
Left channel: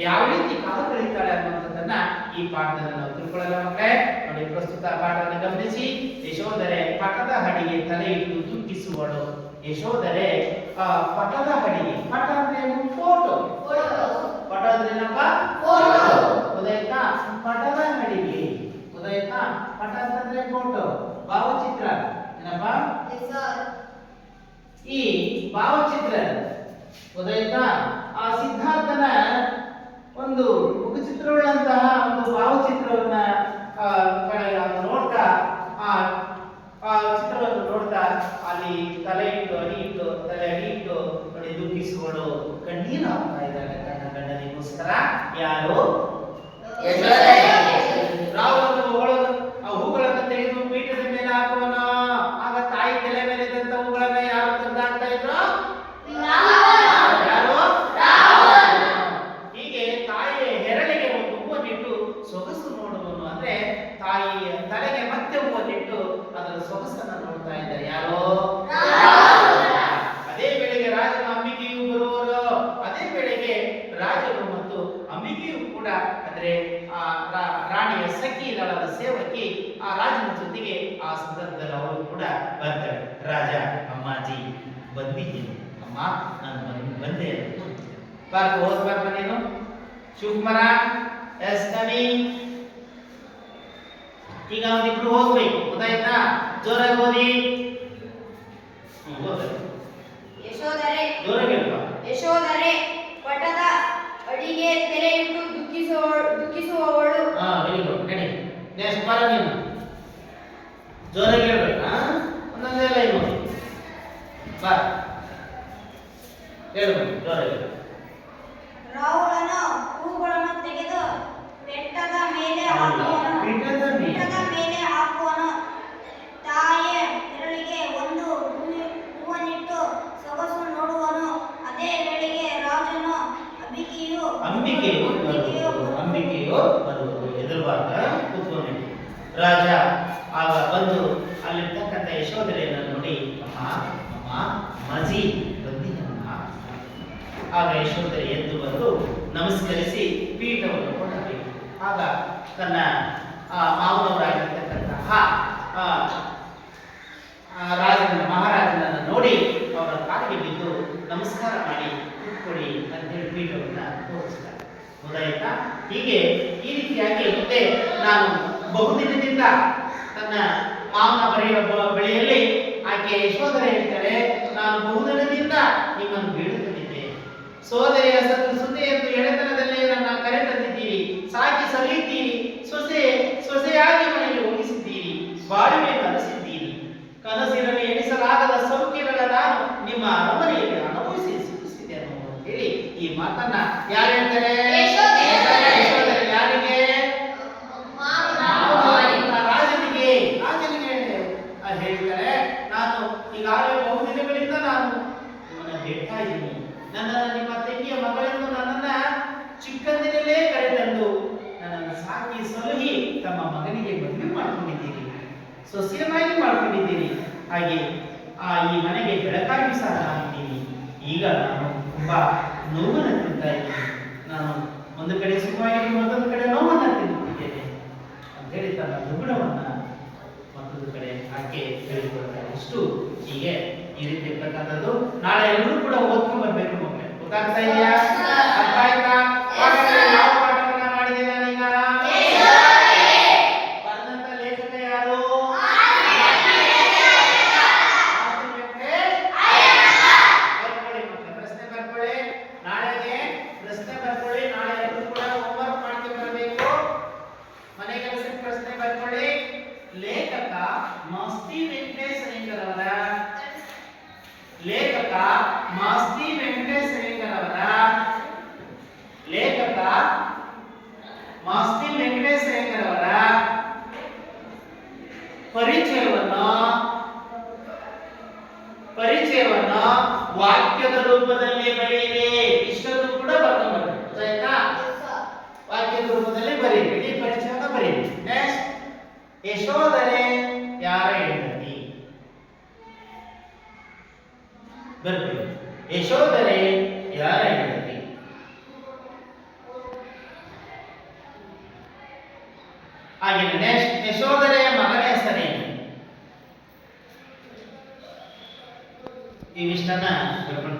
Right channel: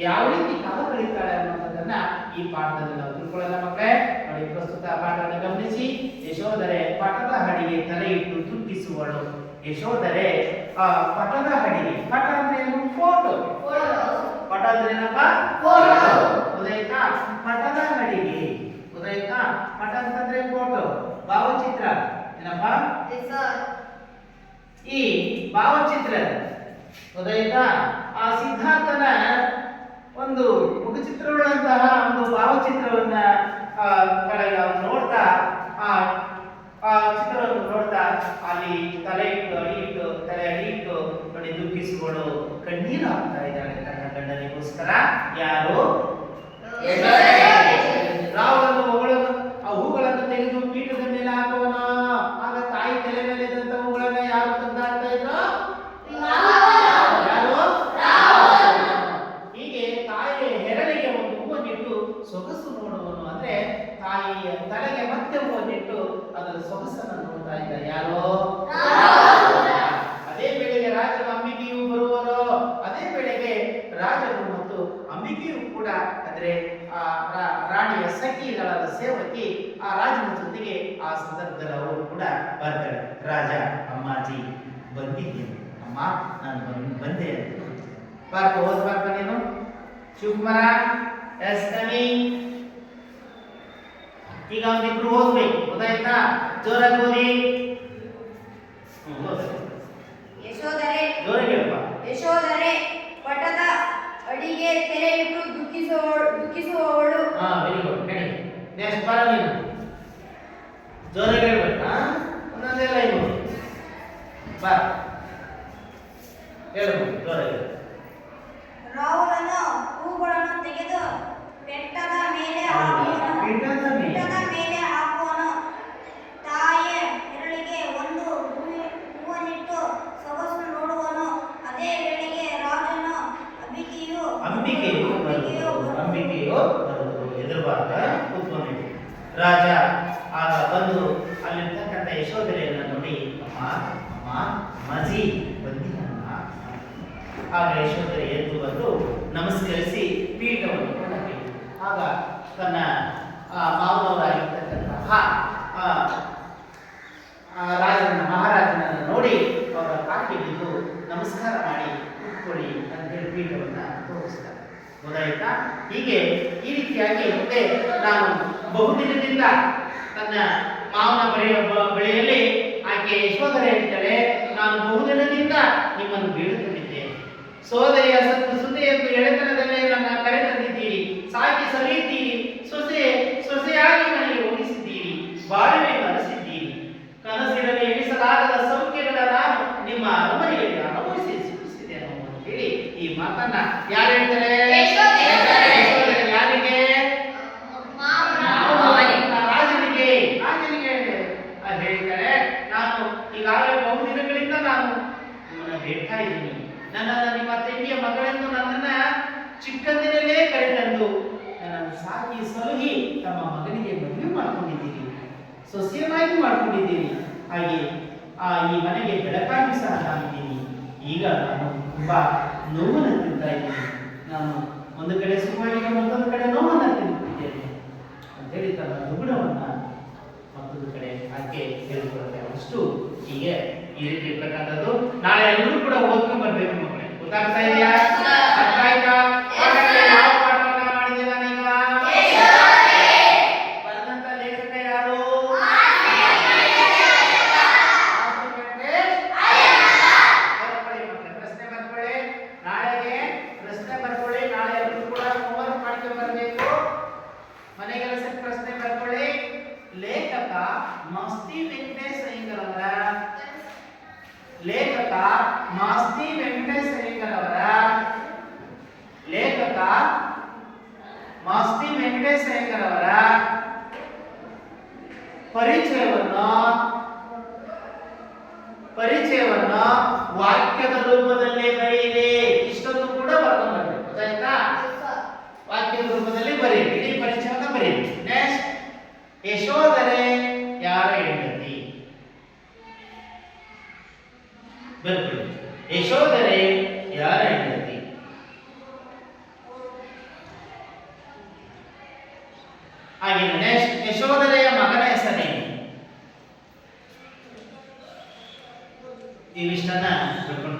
ಯಾವ ರೀತಿ ಕಾಲ ಕಳೀತಾಳೆ ಅನ್ನುವಂಥದ್ದನ್ನ ಈ ಪಾಠದಲ್ಲಿ ನಾವು ತಿಳ್ಕೊಳ್ಳೋಣ ಮಕ್ಕಳೇ. ನೋಡಿ, ಪ್ರಸ್ತುತ ಪಾಠವನ್ನು ಗಮನಿಸಿ. ಯಶೋಧರೆ ಪಟದ ಹಡಿಗೆ ತಲೆ ಇಟ್ಟು ದುಃಖಿಸುವಳು. ಯಶೋಧರೆ ಪಟದ ಹಡಿಗೆ, ಪಟ ಅಂದ್ರೆ ಏನು? ಫೋಟೋ. ಪಟ ಅಂದ್ರೆ ಏನಪ್ಪ? ಉದಯತಾ. ಪಟದ ಹಡಿಗೆ, ಉದಯತಾ. ಪಟ ಅಂತಂದ್ರೆ ಫೋಟೋ, ಭಾವಚಿತ್ರ ಏನಪ್ಪ? ಈ ಭಾವಚಿತ್ರ ಉದಯತಾ ಆ ಸಿದ್ಧಾರ್ಥನ ಒಂದು ಮುಖಚಿತ್ರವುಳ್ಳಂತಹ ಒಂದು ಭಾವಚಿತ್ರವನ್ನ ನೋಡ್ತಾ ಆ ಚಿತ್ರವನ್ನು ನೋಡ್ತಾ ಅಲ್ಲಿ ತಲೆ ಇಟ್ಟು ತಲೆ ಅಡಿ ಇಟ್ಟು ನೋಡಿ ದುಃಖಿಸಿಕೊಂಡು ಕಣ್ಣೀರು ಹಾಕ್ತಾ ಇದ್ದಾಳೆ ತನ್ನ ಗಂಡನಿಗೋಸ್ಕರ. ಯಾರು? ರಾಹುಲನ್ನು ಹೊಗಳೋದು, ಆ ಹೂಗಳನ್ನು ತೆಗೆದು ಪೀಠದ ಮೇಲೆ ಹಾಕುವನ. ಆಗ ತಾಯಿ ತಲೆ ಮೇಲೆ ಇದ್ದಂತ ಹೂಗಳನ್ನ ಯಾರು ತಂದಾಡ್ತಾ ಇದ್ರು? ಯಾರು? ಹೀಗೆ ತಾಯಿಯ ಹೆರಳಿಗೆ ಒಂದು ಹೂವನ್ನಿಟ್ಟು ಸೊಗಸು ನೋಡುವನು. ಅಂದ್ರೆ ತಾಯಿಯ ತಲೆಗೆ ಮತ್ತೆ ಹೂವನ್ನಿಟ್ಟು ಅದರ ಸೊಗಸನ್ನು ನೋಡ್ತಾ ಇದ್ದ. ಯಾರೋ? ಅದೇ ವೇಳೆಗೆ ರಾಜನು ಅಂಬಿಕೆಯು ಬರುವರು. ಅದೇ ವೇಳೆಗೆ ರಾಜನು ಮತ್ತು ಅಂಬಿಕೆಯು ಕೂಡ ಅಂದ್ರೆ ರಾಣಿಯ ಸಖಿ ದಳದ ಸೇವಕಿ ಆ ರಾಜನ ಜೊತೆಗೆ ಆ ಸಂದರ್ಭದಲ್ಲಿ ಅವರು ಕೂಡ ಬರ್ತಾರೆ. ರಾಜ, ಅಮ್ಮಾಜಿ ಬಂದಿದ್ದೇನೆ, ಅಮ್ಮ ನಾನು ಬಂದೆ ಅಂತ ಓದ್ಬಾರ್ದು ನೀನು. ಶಿವಕುಮಾರ ಎಸ್ ಕವಿ. ಈಗ ಒಂದಿಬ್ರು ಓದ್ಬೇಕು, ಗೊತ್ತಾಯ್ತಾ? ಜೋರಾಗಿ ಓದಿ. ಯಶೋಧರೆ ಜೋರಾಗಿ ಹೇಳಪ್ಪ. ಯಶೋಧರೆ ಪಟದ ಅಡಿಗೆ ತೆರೆ ಇಟ್ಟು ದುಃಖಿಸುವವಳು. Very good. ನಡಿ ನೆಕ್ಸ್ಟ್ ಬರ ನೀನು. ಜೋರಾಗಿ ಹೇಳ್ಬೇಕಾ? ಒಂದೊಂದೇ ಲೈನ್ ಓದಿ. ಬಾ ಹೇಳ್ಬೇಕು ಜೋರಾಗಿ. ರಾಹುಲನು ಹೂಗಳನ್ನು ತೆಗೆದು ಬೆಟ್ಟದ ಮೇಲೆ ಹಾಕುವನು. ತಾಯಿಯ ಹೆರಳಿಗೆ ಒಂದು ಹೂವನ್ನಿಟ್ಟು ಸೊಗಸು ನೋಡುವನು. ಅದೇ ವೇಳೆಗೆ ರಾಜನು ಅಂಬಿಕೆಯು ಎದುರುಬಾರ್ದ ಕೂತ್ಕೊಂಡು ರಾಜ ಆಗ ಬಂದು ಅಲ್ಲಿರ್ತಕ್ಕಂಥ ಯಶೋಧರೆಯನ್ನು ನೋಡಿ, ಅಮ್ಮ ಅಮ್ಮ ಮಜಿ ಬಂದಿಯನ್ನ. ಆಗ ಯಶೋಧರೆ ಎದ್ದು ಬಂದು ನಮಸ್ಕರಿಸಿ ಪೀಠವನ್ನು ಕೊಂಡಬೇಕು. ಆಗ ತನ್ನ ಮಾವನವರಾಗಿರ್ತಕ್ಕಂತಹ ಮಹಾರಾಜನನ್ನು ನೋಡಿ ಅವರ ಕಾಲಿಗೆ ಬಿದ್ದು ನಮಸ್ಕಾರ ಮಾಡಿ ಕೂತ್ಕೊಳ್ಳಿ ಅಂತೇಳಿ ಪೀಠವನ್ನು ತೋರಿಸ್ತಾರೆ. ಗೊತ್ತಾಯ್ತಾ? ಹೀಗೆ ಈ ರೀತಿಯಾಗಿ ಮುಂದೆ ನಾನು ಬಹುದಿನದಿಂದ ತನ್ನ ಮಾವನ ಬಳಿಯಲ್ಲಿ ಆಕೆ ಯಶೋಧರೆ ಹೇಳ್ತಾರೆ, ನಾನು ಬಹುದಿನದಿಂದ ನಿಮ್ಮನ್ನು ಬೇಡುತ್ತಿದ್ದೆ. ಸೋದರಿಯ ಸುದ್ದಿಯನ್ನು ಎಳೆತನದಲ್ಲೇ ನನ್ನ ಕರೆ ತಂದಿದ್ದೀರಿ, ಸಾಕಿ ಸಲುಹಿದ್ದೀರಿ, ಸೊಸೆಯಾಗಿ ಮನೆಗೆ ಹೋಗಿಸಿದ್ದೀರಿ, ಬಾಳಿವೆ ಕನಸಿದ್ದೀರಿ. ಕನಸಿನಲ್ಲಿ ಎಣಿಸಲಾಗದ ಸೌಖ್ಯಗಳ ನಾನು ನಿಮ್ಮ ಅರಮನೆಯಲ್ಲಿ ಅನುಭವಿಸಿದೆ ಅಂತ ಹೇಳಿ ಈ ಮಾತನ್ನ ಯಾರು ಹೇಳ್ತಾರೆ? ಯಾರಿಗೆ? ರಾಜನಿಗೆ ಹೇಳ್ತಾರೆ. ನಾನು ಈಗಾಗಲೇ ಬಹುದಿನಗಳಿಂದ ನಾನು ನಿಮ್ಮನ್ನ ಬೇಡ್ತಾ ಇದ್ದೀನಿ. ನನ್ನನ್ನು ನಿಮ್ಮ ತಂಗಿಯ ಮಗಳೆಂದು ನನ್ನನ್ನ ಹಾಕಿ ಸಲಹಿ ತಮ್ಮ ಮಗನಿಗೆ ಮದುವೆ ಮಾಡ್ಕೊಂಡಿದ್ದೀರಿ, ಸೊಸೆಯನ್ನಾಗಿ ಮಾಡ್ಕೊಂಡಿದ್ದೀರಿ. ಹಾಗೆ ಈ ಮನೆಗೆ ಬೆಳಕಾಗಿ ಸಹ ನಾನಿದ್ದೀನಿ. ಈಗ ನಾನು ತುಂಬಾ ನೋವನ್ನು ತಿಂತಾ ಇದ್ದೀನಿ. ನಾನು ಒಂದು ಕಡೆ ಸುಖವಾಗಿ ಮತ್ತೊಂದು ಕಡೆ ನೋವನ್ನು ತಿನ್ನುತ್ತಿದ್ದೇನೆ ಅಂತ ಹೇಳಿ ತನ್ನ ದುಗುಡವನ್ನ ಮತ್ತೊಂದು ಕಡೆ ಆಕೆ ಹೇಳಿಕೊಳ್ತಾರೆ. ಇಷ್ಟು ಹೀಗೆ ಈ ರೀತಿ ಇರ್ತಕ್ಕಂಥದ್ದು. ನಾಳೆ ಎಲ್ಲರೂ ಕೂಡ ಓದ್ಕೊಂಡ್ ಬರ್ಬೇಕು ಮಕ್ಕಳೇ. ಗೊತ್ತಾಗ್ತಾ ಇದೆಯಾ? ಅರ್ಥ ಆಯ್ತಾ? ಪಾಠದಲ್ಲಿ ಯಾವ ಪಾಠವನ್ನ ಮಾಡಿದೆ ನಾನೀಗ? ಬರೆದಂತ ಲೇಖಕ ಯಾರು? ಬರ್ಕೊಳ್ಳಿ ಮಕ್ಕಳೇ, ಪ್ರಶ್ನೆ ಬರ್ಕೊಳ್ಳಿ. ನಾಳೆಗೆ ಪ್ರಶ್ನೆ ಬರ್ಕೊಳ್ಳಿ. ನಾಳೆ ಎಲ್ಲರೂ ಕೂಡ ಹೋಮ್ವರ್ಕ್ ಮಾಡ್ಕೊಂಡು ಬರಬೇಕು. ಮನೆ ಕೆಲಸಕ್ಕೆ ಪ್ರಶ್ನೆ ಬರ್ಕೊಳ್ಳಿ. ಲೇಖಕ ಮಾಸ್ತಿ ವೆಂಕಟೇಶ್ ಅಯ್ಯಂಗಾರವರ ಲೇಖಕ ಮಾಸ್ತಿ ವೆಂಕಟೇಶ್ ಅಯ್ಯಂಗಾರವರ ಲೇಖಕ ಮಾಸ್ತಿ ವೆಂಕಟೇಶ್ ಅಯ್ಯಂಗಾರವರ ಪರಿಚಯವನ್ನು ವಾಕ್ಯದ ರೂಪದಲ್ಲಿ ಬರೆಯಿರಿ. ಇಷ್ಟೊಂದು ಕೂಡ ಬರ್ಕೊಂಡ್ಬರ್ಬೇಕು. ಆಯ್ತಾ? ವಾಕ್ಯದ ರೂಪದಲ್ಲಿ ಬರೆಯಿರಿ. ಇಡೀ ಪರಿಚಯವನ್ನು ಬರೆಯಿರಿ. ನೆಕ್ಸ್ಟ್, ಯಶೋಧರೆ ಯಾರ ಹೆಂಡತಿ? ಬರ್ಕೊಳ್ಳಿ. ಯಶೋಧರೆ ಯಾರ ಹೆಂಡತಿ? ಹಾಗೆ ನೆಕ್ಸ್ಟ್, ಯಶೋಧರೆಯ ಮಗನ ಹೆಸರೇನು? ಇವಿಷ್ಟನ್ನ ಬರ್ಕೊಂಡು